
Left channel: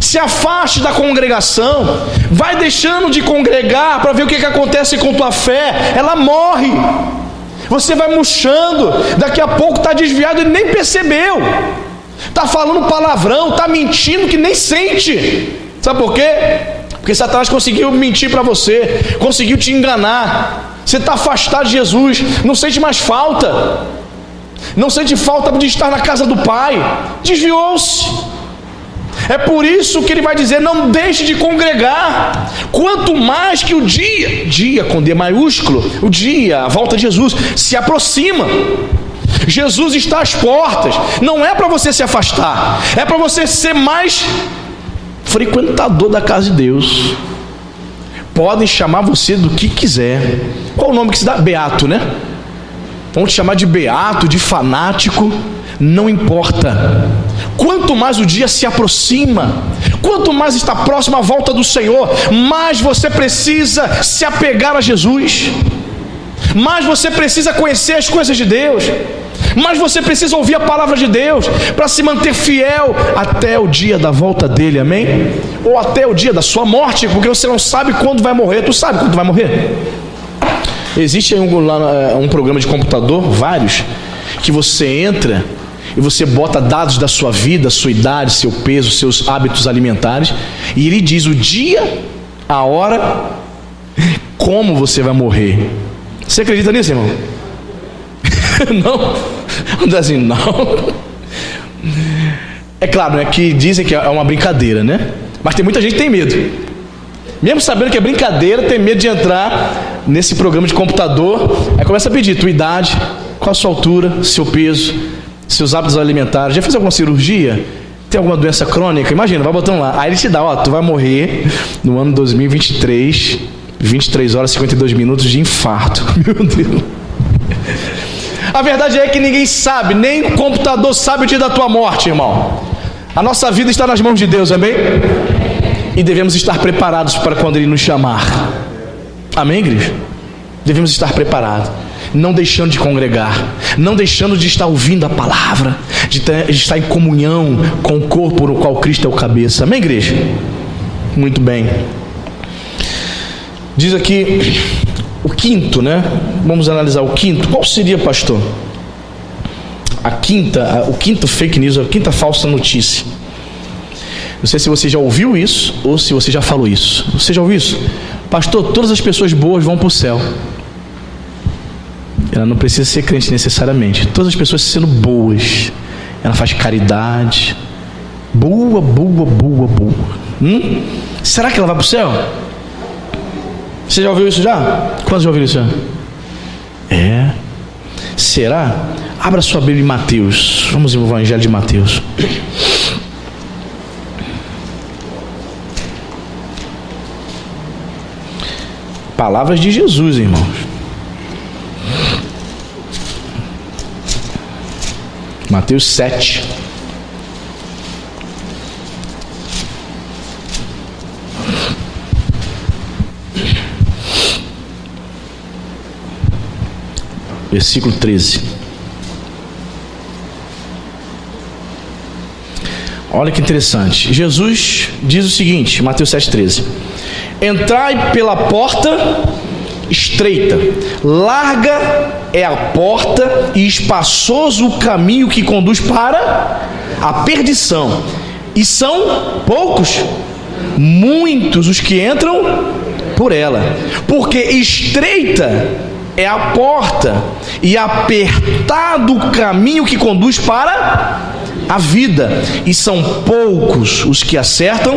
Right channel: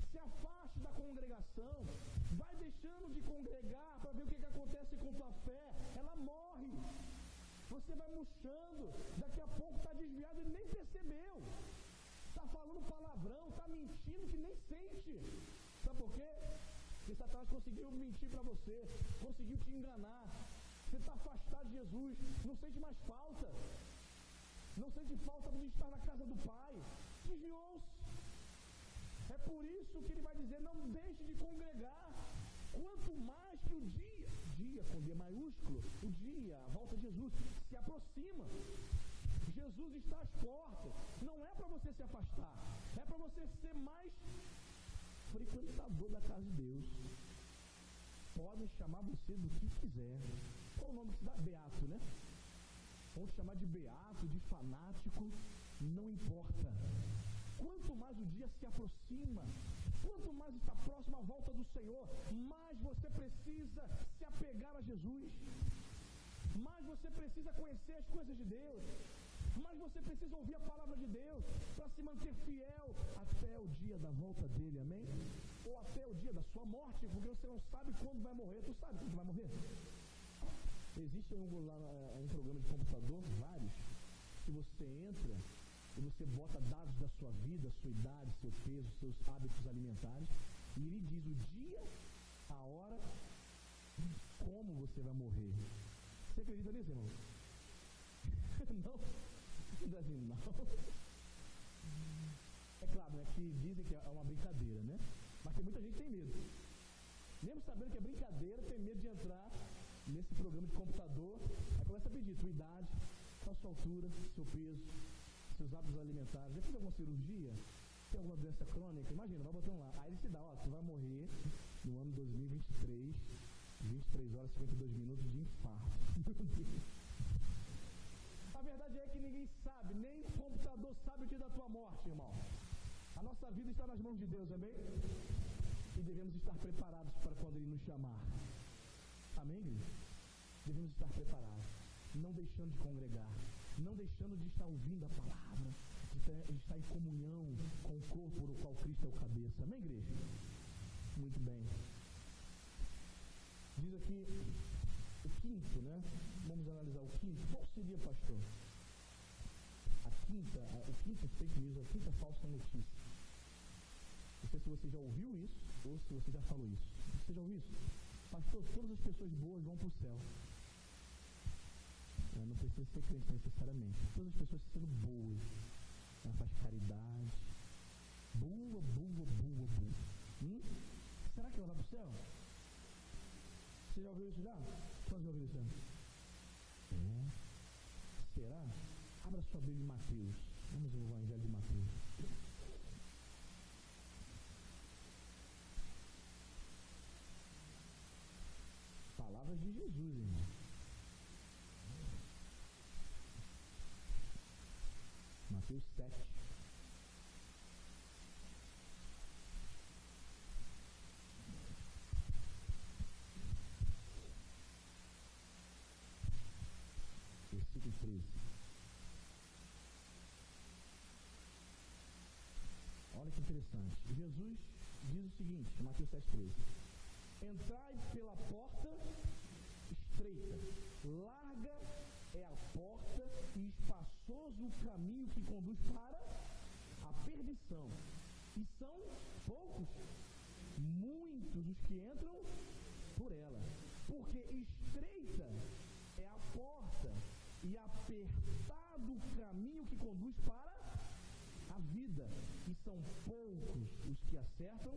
Se afaste da congregação, vai deixando de congregar para ver o que acontece com tua fé. Ela morre, você vai murchando, daqui a pouco está desviado e nem percebeu, está falando palavrão, está mentindo que nem sente. Sabe por quê? Porque Satanás conseguiu mentir para você, conseguiu te enganar. Você está afastado de Jesus, não sente mais falta, não sente falta de estar na casa do Pai, desviou-se. É por isso que ele vai dizer: não deixe de congregar. Quanto mais que o dia com D maiúsculo, o dia, a volta de Jesus, se aproxima. Jesus está às portas. Não é para você se afastar, é para você ser mais frequentador da casa de Deus. Podem chamar você do que quiser. Qual o nome que se dá? Beato, né? Vão te chamar de beato, de fanático, não importa. Quanto mais o dia se aproxima, quanto mais está próximo a volta do Senhor, mais você precisa se apegar a Jesus, mais você precisa conhecer as coisas de Deus, mas você precisa ouvir a palavra de Deus para se manter fiel até o dia da volta dele, amém? Ou até o dia da sua morte, porque você não sabe quando vai morrer. Tu sabe quando vai morrer? Existe um programa de computador, vários, que você entra e você bota dados da sua vida, sua idade, seu peso, seus hábitos alimentares, e ele diz o dia, a hora, como você vai morrer. Você acredita nisso, irmão? Não? Não, assim, não. É claro, né, que dizem que é uma brincadeira, né? Mas tem muita gente que tem medo. Mesmo sabendo que é brincadeira, tem medo de entrar nesse programa de computador. Aí começa a pedir tua idade, qual a sua altura, seu peso, seus hábitos alimentares. Já fez alguma cirurgia? Tem alguma doença crônica? Imagina, vai botando lá. Aí ele te dá, ó, tu vai morrer no ano 2023, 23 horas e 52 minutos de infarto. Meu Deus. A verdade é que ninguém sabe, nem o computador sabe o dia da tua morte, irmão. A nossa vida está nas mãos de Deus, amém? E devemos estar preparados para quando Ele nos chamar. Amém, igreja? Devemos estar preparados, não deixando de congregar, não deixando de estar ouvindo a palavra, de estar em comunhão com o corpo no qual Cristo é o cabeça. Amém, igreja? Muito bem. Diz aqui o quinto, né? Vamos analisar o quinto. Qual seria, pastor? o quinto fake news, a quinta falsa notícia. Não sei se você já ouviu isso ou se você já falou isso. Você já ouviu isso? Pastor, todas as pessoas boas vão para o céu. Ela não precisa ser crente necessariamente. Todas as pessoas sendo boas. Ela faz caridade. Boa. Será que ela vai para o céu? Você já ouviu isso já? Quantos já ouviram isso já? É. Será? Abra sua Bíblia em Mateus. Vamos ao Evangelho de Mateus. Palavras de Jesus, irmãos. Mateus 7. Versículo 13. Olha que interessante. Jesus diz o seguinte, Mateus 7,13: entrai pela porta estreita, larga é a porta e espaçoso o caminho que conduz para a perdição, e são poucos, muitos os que entram por ela, porque estreita é a porta e apertado o caminho que conduz para a vida, e são poucos os que acertam.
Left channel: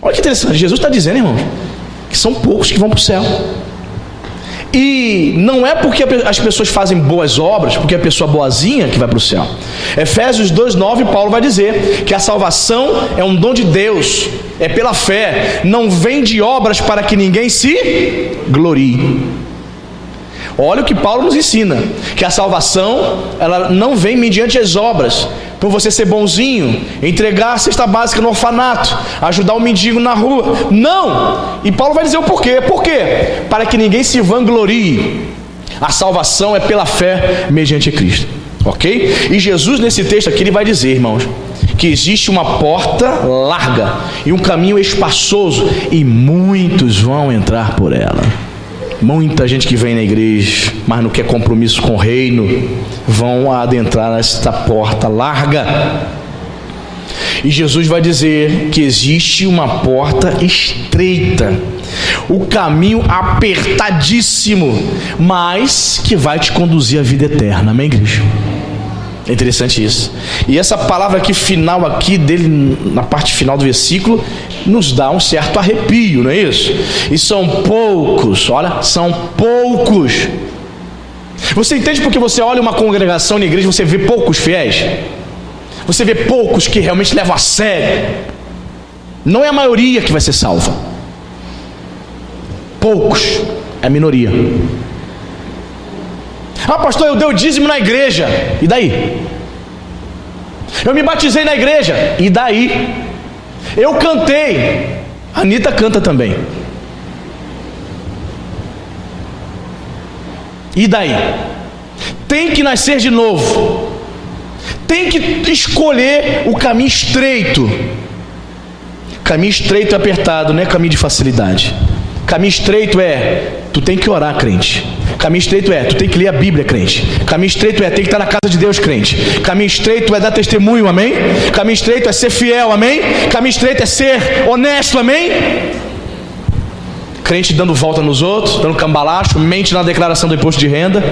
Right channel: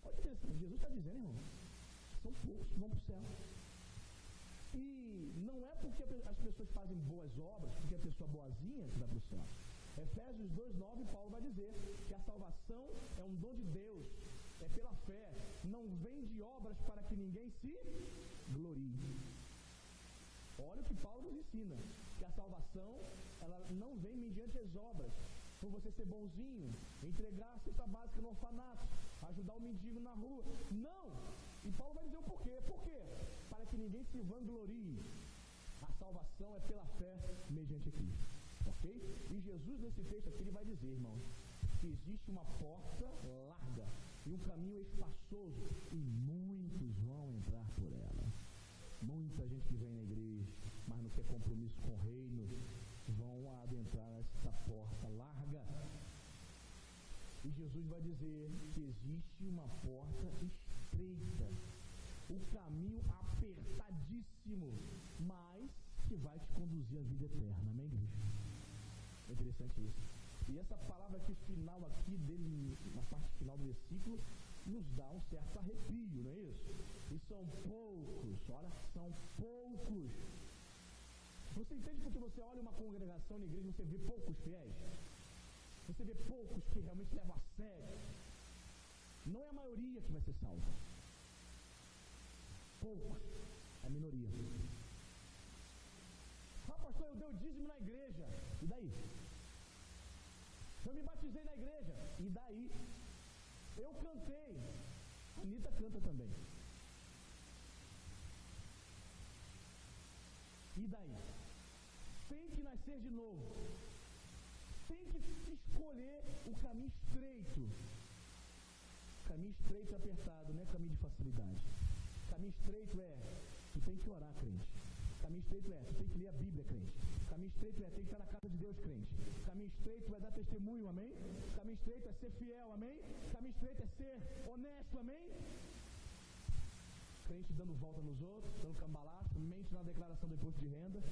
Olha que interessante, Jesus está dizendo, irmãos, que são poucos que vão para o céu. E não é porque as pessoas fazem boas obras, porque a pessoa boazinha que vai para o céu. Efésios 2,9, Paulo vai dizer que a salvação é um dom de Deus, é pela fé, não vem de obras para que ninguém se glorie. Olha o que Paulo nos ensina, que a salvação, ela não vem mediante as obras, por você ser bonzinho, entregar a cesta básica no orfanato, ajudar o mendigo na rua. Não! E Paulo vai dizer o porquê. Por quê? Para que ninguém se vanglorie. A salvação é pela fé mediante Cristo. Ok? E Jesus, nesse texto aqui, ele vai dizer, irmãos, que existe uma porta larga e um caminho espaçoso, e muitos vão entrar por ela. Muita gente que vem na igreja, mas não quer compromisso com o reino, vão adentrar nesta porta larga. E Jesus vai dizer que existe uma porta estreita, o caminho apertadíssimo, mas que vai te conduzir à vida eterna. Amém, igreja? É interessante isso. E essa palavra aqui final aqui dele, na parte final do versículo, nos dá um certo arrepio, não é isso? E são poucos, olha, são poucos. Você entende porque você olha uma congregação na igreja, você vê poucos fiéis? Você vê poucos que realmente levam a sério. Não é a maioria que vai ser salva. Poucos, é a minoria. Ah, pastor, eu dei o dízimo na igreja. E daí? Eu me batizei na igreja. E daí? Eu cantei. A Anitta canta também. E daí? Tem que nascer de novo. Tem que escolher o caminho estreito. Caminho estreito e apertado, não é caminho de facilidade. Caminho estreito é, tu tem que orar, crente. Caminho estreito é, tu tem que ler a Bíblia, crente. Caminho estreito é, tem que estar na casa de Deus, crente. Caminho estreito é dar testemunho, amém? Caminho estreito é ser fiel, amém? Caminho estreito é ser honesto, amém? Crente dando volta nos outros, dando cambalacho, mente na declaração do imposto de renda.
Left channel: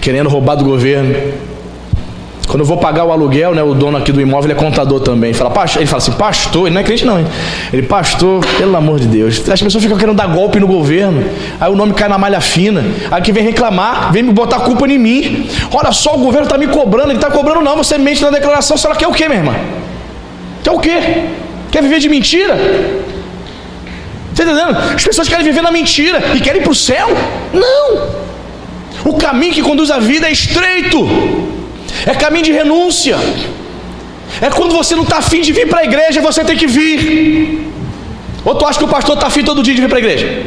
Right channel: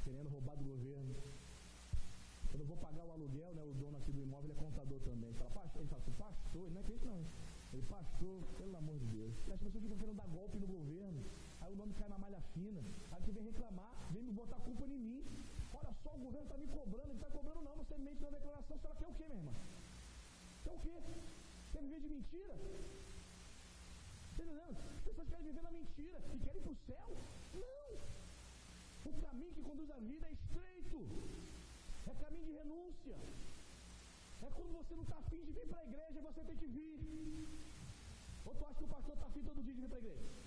Querendo roubar do governo. Quando eu vou pagar o aluguel, né, o dono aqui do imóvel é contador também. Ele fala assim, pastor, ele não é crente não, hein? Ele, pastor, pelo amor de Deus. As pessoas ficam querendo dar golpe no governo. Aí o nome cai na malha fina. Aí que vem reclamar, vem me botar a culpa em mim. Olha só, o governo está me cobrando. Ele está cobrando não, você mente na declaração. Você quer o quê, minha irmã? Quer o quê? Quer viver de mentira? Está entendendo? As pessoas querem viver na mentira e querem ir para o céu? Não! O caminho que conduz à vida é estreito. É caminho de renúncia. É quando você não está afim de vir para a igreja, você tem que vir. Ou tu acha que o pastor está afim todo dia de vir para a igreja?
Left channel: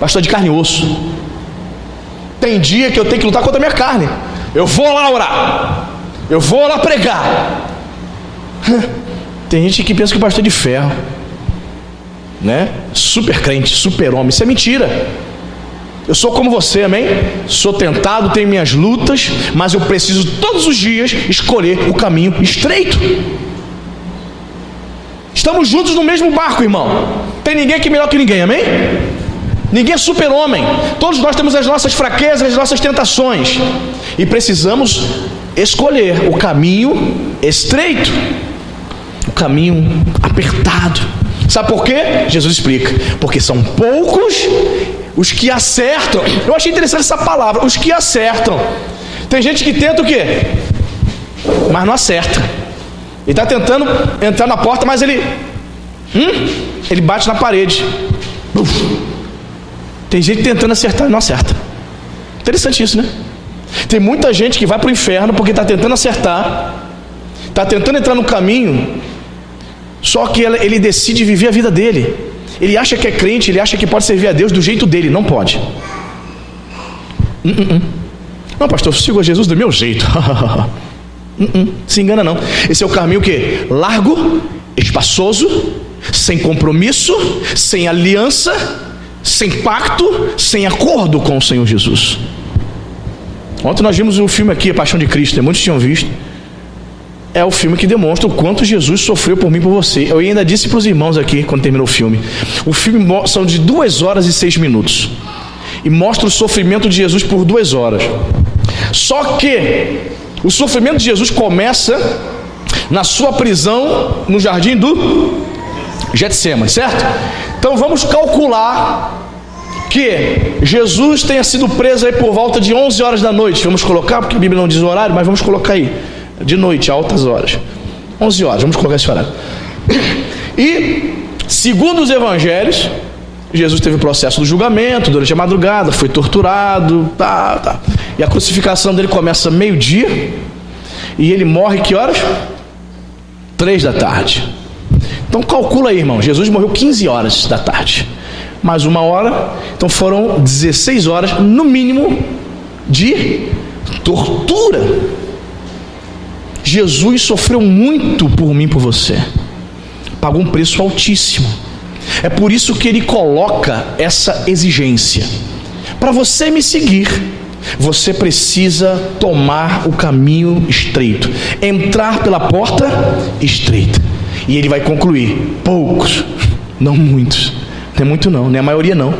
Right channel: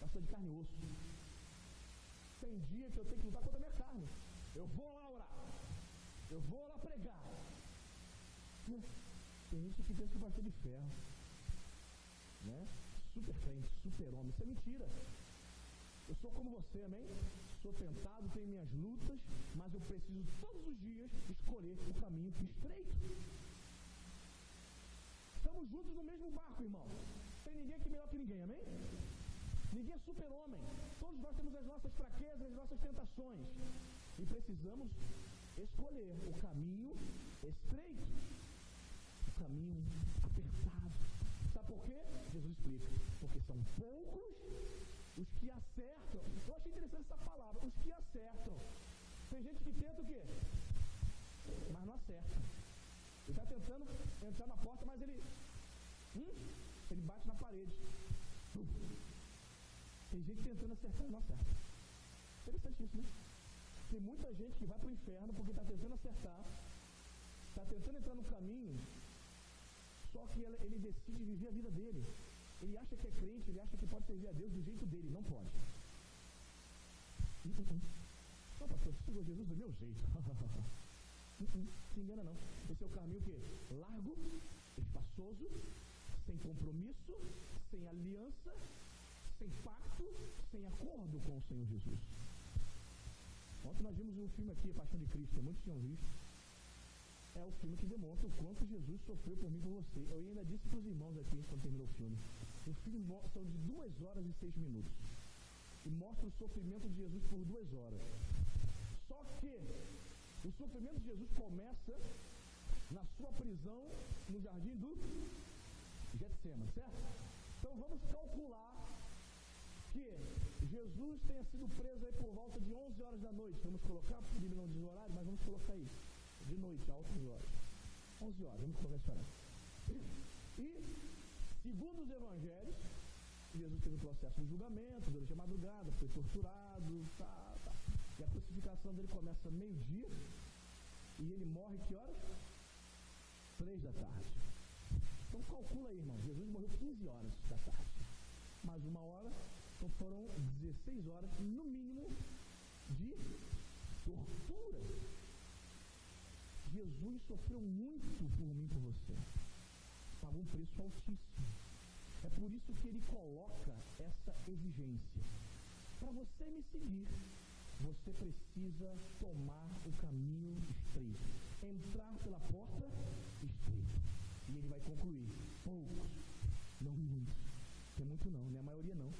Pastor de carne e osso. Tem dia que eu tenho que lutar contra a minha carne. Eu vou lá orar, eu vou lá pregar. Tem gente que pensa que o pastor é de ferro. né? Super crente, super homem. Isso é mentira. Eu sou como você, amém? Sou tentado, tenho minhas lutas, mas eu preciso todos os dias escolher o caminho estreito. Estamos juntos no mesmo barco, irmão. Tem ninguém aqui melhor que ninguém, amém? Ninguém é super-homem. Todos nós temos as nossas fraquezas, as nossas tentações. E precisamos escolher o caminho estreito, o caminho apertado. Sabe por quê? Jesus explica. Porque são poucos os que acertam. Eu achei interessante essa palavra, os que acertam. Tem gente que tenta o quê? Mas não acerta. Ele está tentando entrar na porta, mas ele bate na parede. Tem gente tentando acertar e não acerta. Interessante isso, né? Tem muita gente que vai para o inferno porque está tentando acertar, está tentando entrar no caminho, só que ele decide viver a vida dele. Ele acha que é crente, ele acha que pode servir a Deus do jeito dele. Não pode. Não, pastor, eu sigo a Jesus do meu jeito. Se engana não. Esse é o caminho o quê? Largo, espaçoso, sem compromisso, sem aliança, sem pacto, sem acordo com o Senhor Jesus. Ontem nós vimos um filme aqui, A Paixão de Cristo, né? Muitos tinham visto. É o filme que demonstra o quanto Jesus sofreu por mim e por você. Eu ainda disse para os irmãos aqui, quando terminou o filme, são de 2 horas e 6 minutos, e mostra o sofrimento de Jesus por 2 horas. Só que o sofrimento de Jesus começa na sua prisão no jardim do Getsêmani, certo? Então vamos calcular que Jesus tenha sido preso aí por volta de 11 horas da noite. Vamos colocar, porque a Bíblia não diz o horário, mas vamos colocar aí, de noite, a altas horas, 11 horas, vamos colocar esse horário. E segundo os evangelhos, Jesus teve o processo do julgamento durante a madrugada, foi torturado, e a crucificação dele começa meio-dia, e ele morre que horas? 3 da tarde. Então calcula aí, irmão, Jesus morreu 15 horas da tarde, mais 1 hora, então foram 16 horas no mínimo de tortura. Jesus sofreu muito por mim e por você, pagou um preço altíssimo. É por isso que ele coloca essa exigência: para você me seguir, você precisa tomar o caminho estreito, entrar pela porta estreita. E ele vai concluir: poucos, não muitos, não é muito não, nem a maioria não,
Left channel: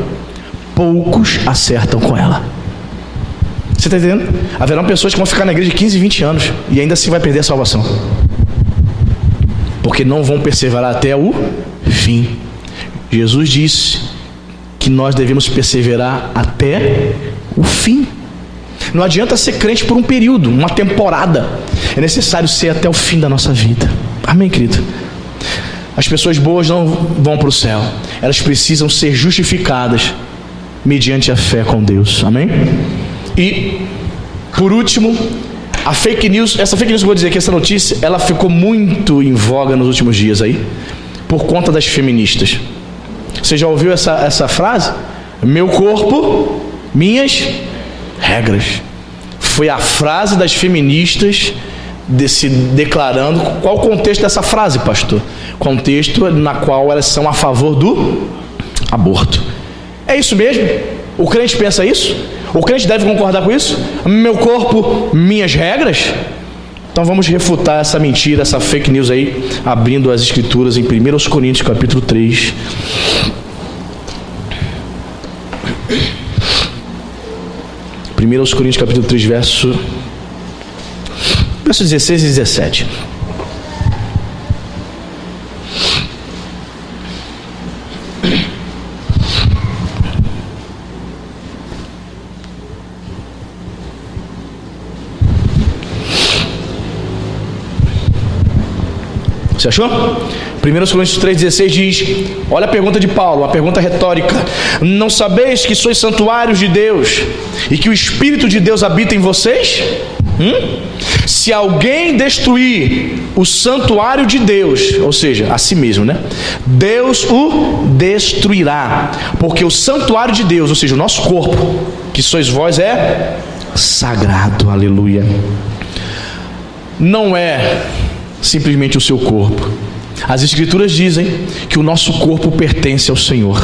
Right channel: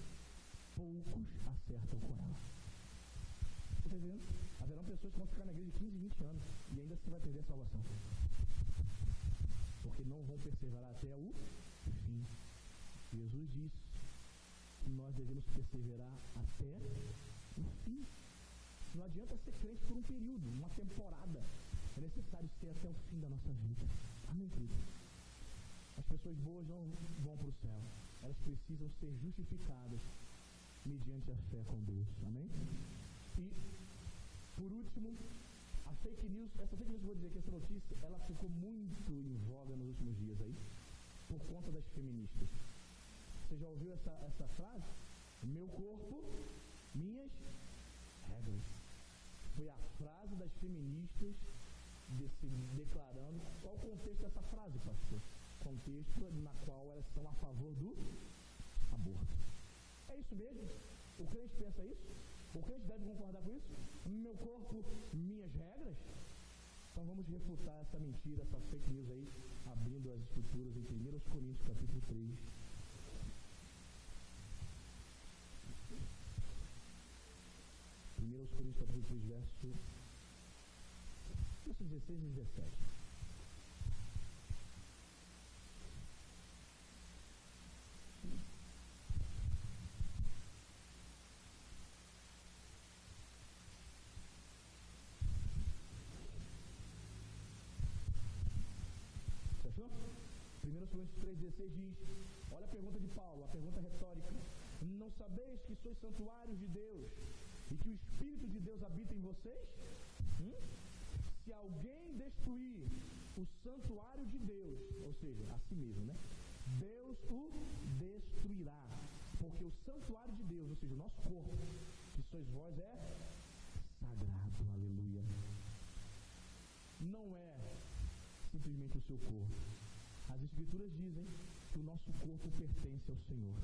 poucos acertam com ela. Você está entendendo? Haverão pessoas que vão ficar na igreja de 15, 20 anos e ainda assim vai perder a salvação, porque não vão perseverar até o fim. Jesus disse que nós devemos perseverar até o fim. Não adianta ser crente por um período, uma temporada. É necessário ser até o fim da nossa vida. Amém, querido? As pessoas boas não vão para o céu. Elas precisam ser justificadas mediante a fé com Deus. Amém? E, por último, a fake news. Essa fake news que eu vou dizer aqui, essa notícia, ela ficou muito em voga nos últimos dias aí, por conta das feministas. Você já ouviu essa frase? Meu corpo, minhas regras. Foi a frase das feministas se declarando. Qual o contexto dessa frase, pastor? Contexto na qual elas são a favor do aborto. É isso mesmo? O crente pensa isso? O crente deve concordar com isso? Meu corpo, minhas regras? Então vamos refutar essa mentira, essa fake news aí, abrindo as escrituras em 1 Coríntios capítulo 3. 1 Coríntios capítulo 3, verso 16 e 17. Você achou? 1 Coríntios 3,16 diz: olha a pergunta de Paulo, uma pergunta retórica: não sabeis que sois santuários de Deus e que o Espírito de Deus habita em vocês? Se alguém destruir o santuário de Deus, ou seja, a si mesmo, né? Deus o destruirá, porque o santuário de Deus, ou seja, o nosso corpo, que sois vós, é sagrado. Aleluia. Não é simplesmente o seu corpo, As Escrituras dizem que o nosso corpo pertence ao Senhor.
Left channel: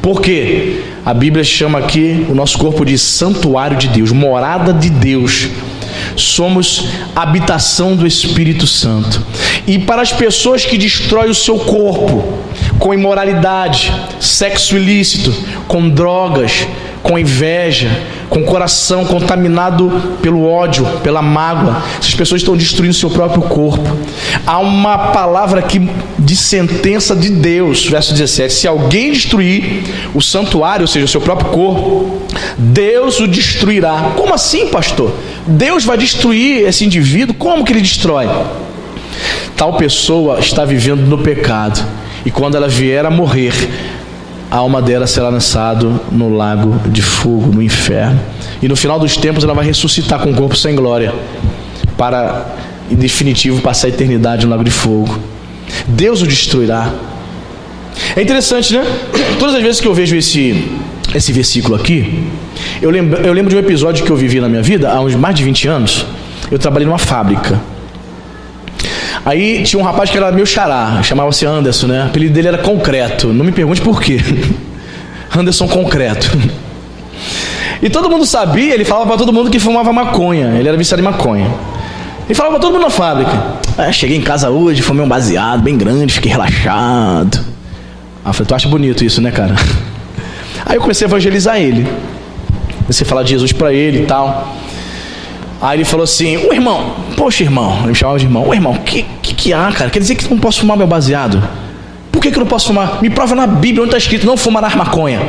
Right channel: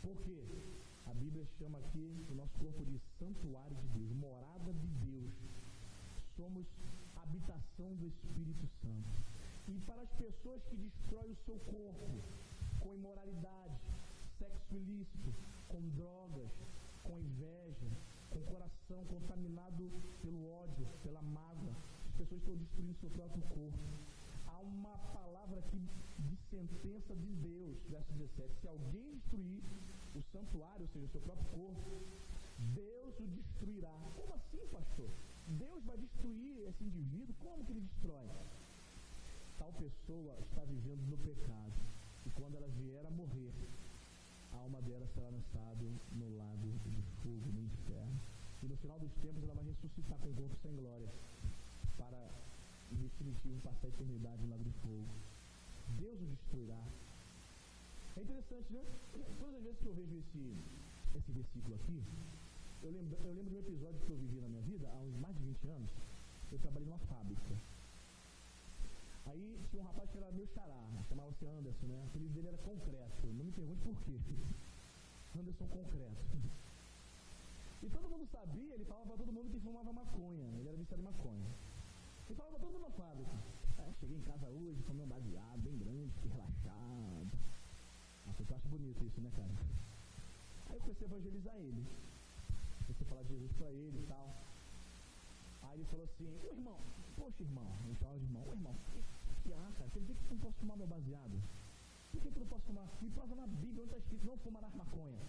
Por quê? A Bíblia chama aqui o nosso corpo de santuário de Deus, morada de Deus. Somos habitação do Espírito Santo. E para as pessoas que destroem o seu corpo com imoralidade, sexo ilícito, com drogas, com inveja, com o coração contaminado pelo ódio, pela mágoa, essas pessoas estão destruindo o seu próprio corpo. Há uma palavra aqui de sentença de Deus, verso 17: se alguém destruir o santuário, ou seja, o seu próprio corpo, Deus o destruirá. Como assim, pastor? Deus vai destruir esse indivíduo? Como que ele destrói? Tal pessoa está vivendo no pecado, e quando ela vier a morrer, a alma dela será lançada no lago de fogo, no inferno. E no final dos tempos ela vai ressuscitar com um corpo sem glória, para, em definitivo, passar a eternidade no lago de fogo. Deus o destruirá. É interessante, né? Todas as vezes que eu vejo esse versículo aqui, eu lembro de um episódio que eu vivi na minha vida, há uns mais de 20 anos. Eu trabalhei numa fábrica. Aí tinha um rapaz que era meu xará, chamava-se Anderson, né? O apelido dele era Concreto. Não me pergunte por quê. Anderson Concreto. E todo mundo sabia, ele falava para todo mundo que fumava maconha. Ele era viciado em maconha. Ele falava para todo mundo na fábrica: cheguei em casa hoje, fumei um baseado bem grande, fiquei relaxado. Eu falei: tu acha bonito isso, né, cara? Aí eu comecei a evangelizar ele. Comecei a falar de Jesus para ele e tal. Aí ele falou assim: ô irmão, poxa irmão, ele me chamava de irmão, ô irmão, que há, cara? Quer dizer que não posso fumar meu baseado? Por que eu não posso fumar? Me prova na Bíblia onde está escrito: não fumarás maconha.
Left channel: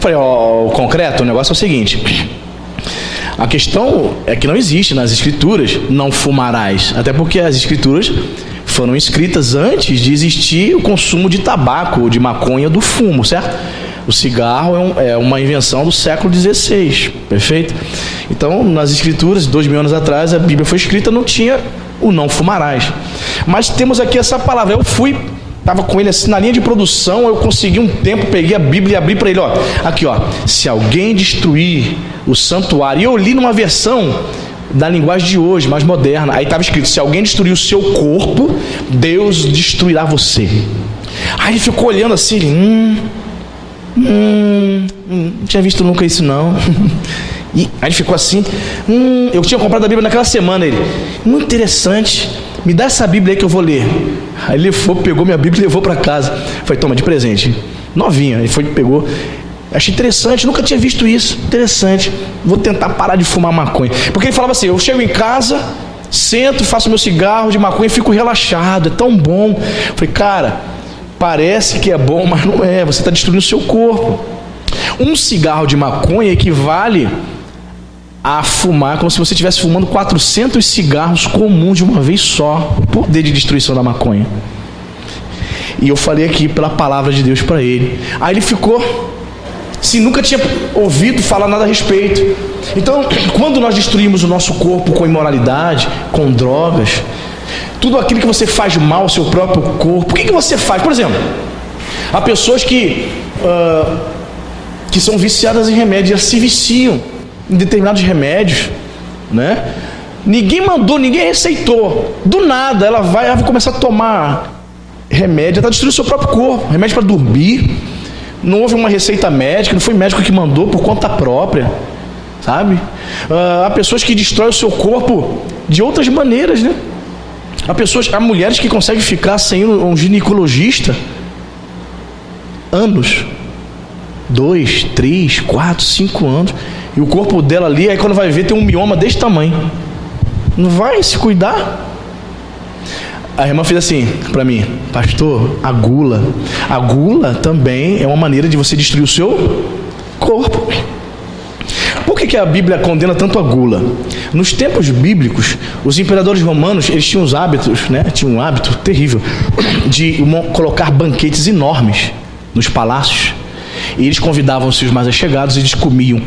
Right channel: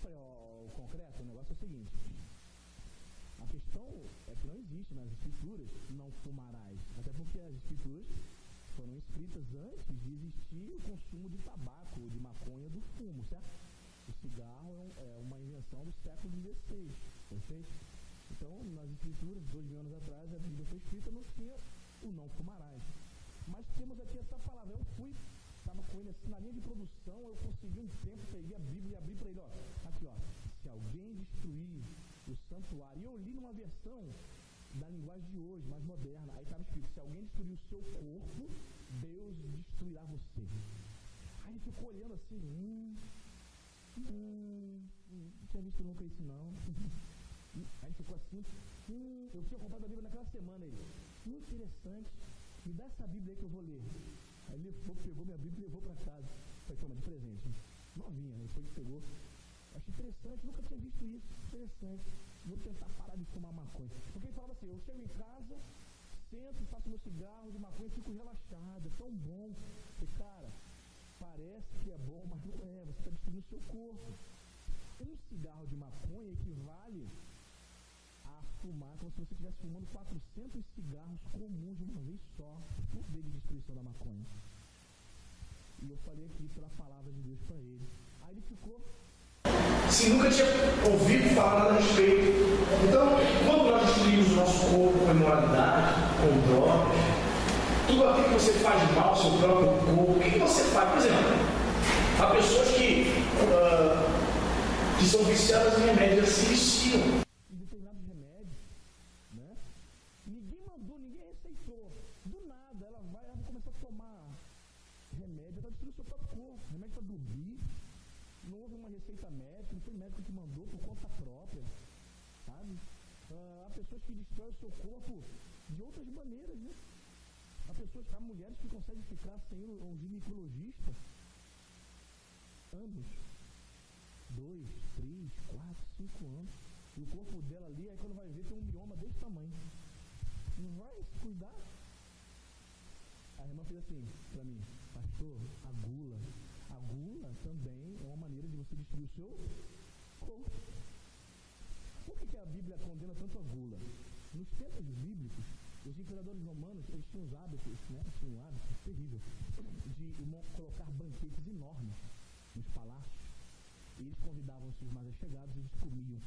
Falei: o concreto, o negócio é o seguinte: a questão é que não existe nas Escrituras não fumarás, até porque as Escrituras foram escritas antes de existir o consumo de tabaco ou de maconha, do fumo, certo? O cigarro é uma invenção do século XVI, perfeito? Então, nas Escrituras, 2000 anos atrás, a Bíblia foi escrita, não tinha o não fumarás. Mas temos aqui essa palavra. Eu estava com ele assim na linha de produção, eu consegui um tempo, peguei a Bíblia e abri para ele, aqui, se alguém destruir o santuário, e eu li numa versão da linguagem de hoje, mais moderna, aí estava escrito: se alguém destruir o seu corpo, Deus destruirá você. Aí ele ficou olhando assim, não tinha visto nunca isso não. E aí ele ficou assim, eu tinha comprado a Bíblia naquela semana. Ele: muito interessante, me dá essa Bíblia aí que eu vou ler. Aí ele pegou minha Bíblia e levou para casa. Falei: toma, de presente, novinha. Ele pegou. Achei interessante, nunca tinha visto isso. Interessante, vou tentar parar de fumar maconha. Porque ele falava assim: eu chego em casa, sento, faço meu cigarro de maconha e fico relaxado, é tão bom. Falei: cara, parece que é bom, mas não é. Você está destruindo o seu corpo. Um cigarro de maconha equivale a fumar como se você estivesse fumando 400 cigarros comuns de uma vez só. O poder de destruição da maconha. E eu falei aqui pela palavra de Deus para ele. Aí ele ficou, se nunca tinha ouvido falar nada a respeito. Então, quando nós destruímos o nosso corpo com imoralidade, com drogas, tudo aquilo que você faz mal ao seu próprio corpo, o que você faz? Por exemplo, há pessoas que são viciadas em remédios, elas se viciam em determinados remédios, né? Ninguém mandou, ninguém receitou. Do nada, ela vai começar a tomar remédio, está destruindo o seu próprio corpo. Remédio para dormir. Não houve uma receita médica, não foi médico que mandou, por conta própria, sabe? Há pessoas que destroem o seu corpo de outras maneiras, né? Há mulheres que conseguem ficar sem um ginecologista anos, 2, 3, 4, 5 anos, e o corpo dela ali, aí quando vai ver, tem um mioma desse tamanho. Não vai se cuidar. A irmã fez assim para mim: pastor, a gula também é uma maneira de você destruir o seu corpo. Por que a Bíblia condena tanto a gula? Nos tempos bíblicos, os imperadores romanos, eles tinham os hábitos, né? Tinham um hábito terrível de colocar banquetes enormes nos palácios. E eles convidavam os seus mais allegados, e eles comiam,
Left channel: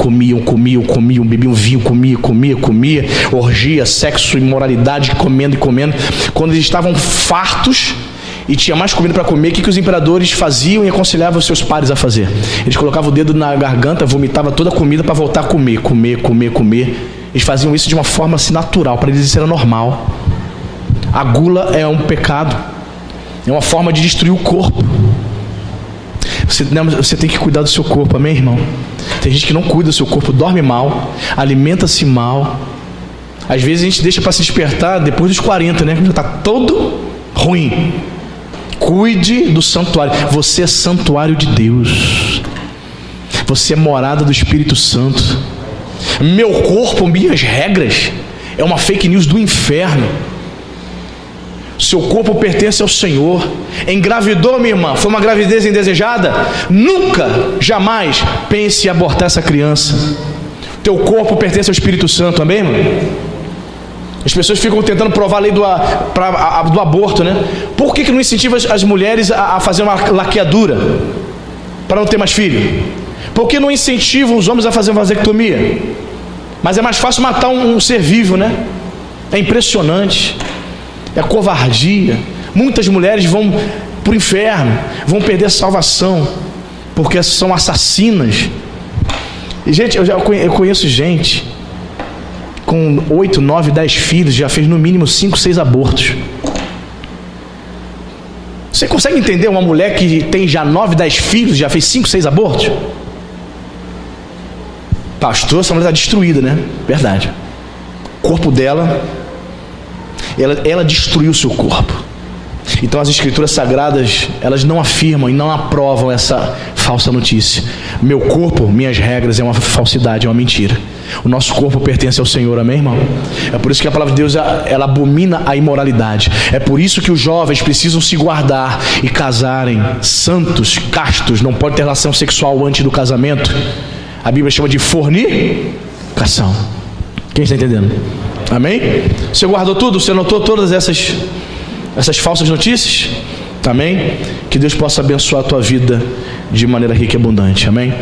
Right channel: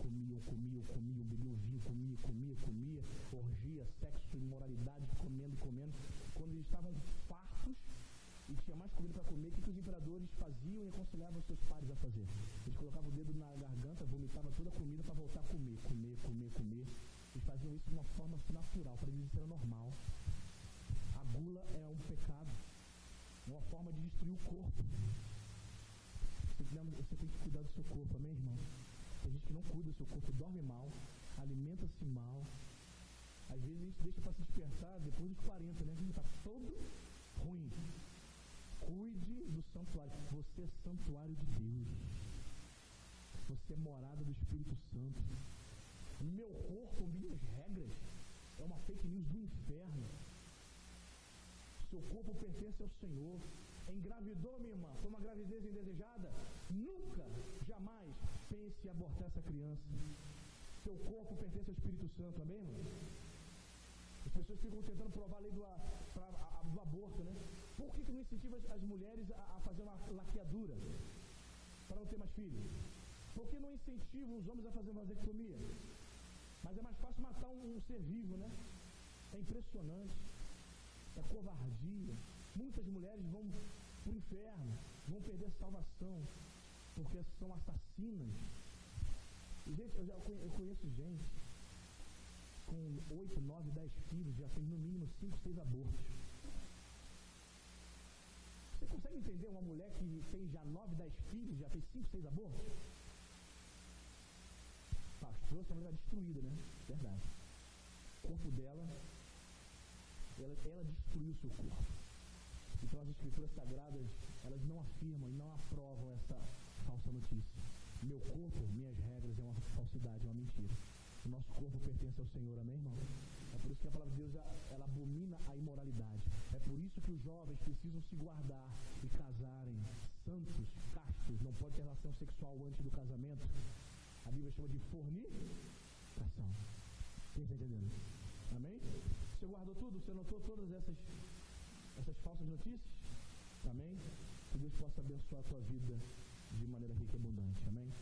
bebiam vinho, comia, orgia, sexo, imoralidade, comendo. Quando eles estavam fartos e tinha mais comida para comer, o que os imperadores faziam e aconselhavam os seus pares a fazer? Eles colocavam o dedo na garganta, vomitavam toda a comida para voltar a comer. Eles faziam isso de uma forma assim natural, para eles isso era normal. A gula é um pecado, é uma forma de destruir o corpo. Você tem que cuidar do seu corpo, amém, irmão? Tem gente que não cuida do seu corpo, dorme mal, alimenta-se mal. Às vezes a gente deixa para se despertar depois dos 40, né? Já está todo ruim. Cuide do santuário. Você é santuário de Deus. Você é morada do Espírito Santo. Meu corpo, minhas regras, é uma fake news do inferno. Seu corpo pertence ao Senhor. Engravidou, minha irmã, foi uma gravidez indesejada? Nunca, jamais pense em abortar essa criança. Teu corpo pertence ao Espírito Santo, amém, irmão? As pessoas ficam tentando provar a lei do aborto, né? Por que não incentiva as mulheres a fazer uma laqueadura para não ter mais filho? Por que não incentivam os homens a fazer uma vasectomia? Mas é mais fácil matar um ser vivo, né? É impressionante. É covardia. Muitas mulheres vão para o inferno, vão perder a salvação, porque são assassinas. E, gente, eu conheço gente com 8, 9, 10 filhos, já fez no mínimo 5, 6 abortos. Você consegue entender uma mulher que tem já 9, 10 filhos, já fez 5, 6 abortos? Pastor, essa mulher está destruída, né? Verdade. O corpo dela, ela destruiu o seu corpo. Então as escrituras sagradas, elas não afirmam e não aprovam essa falsa notícia. Meu corpo, minhas regras, é uma falsidade, é uma mentira. O nosso corpo pertence ao Senhor, amém, irmão? É por isso que a palavra de Deus, ela abomina a imoralidade. É por isso que os jovens precisam se guardar e casarem santos, castos. Não pode ter relação sexual antes do casamento. A Bíblia chama de fornicação. Quem está entendendo? Amém? Você guardou tudo? Você anotou todas essas falsas notícias? Amém? Que Deus possa abençoar a tua vida de maneira rica e abundante. Amém?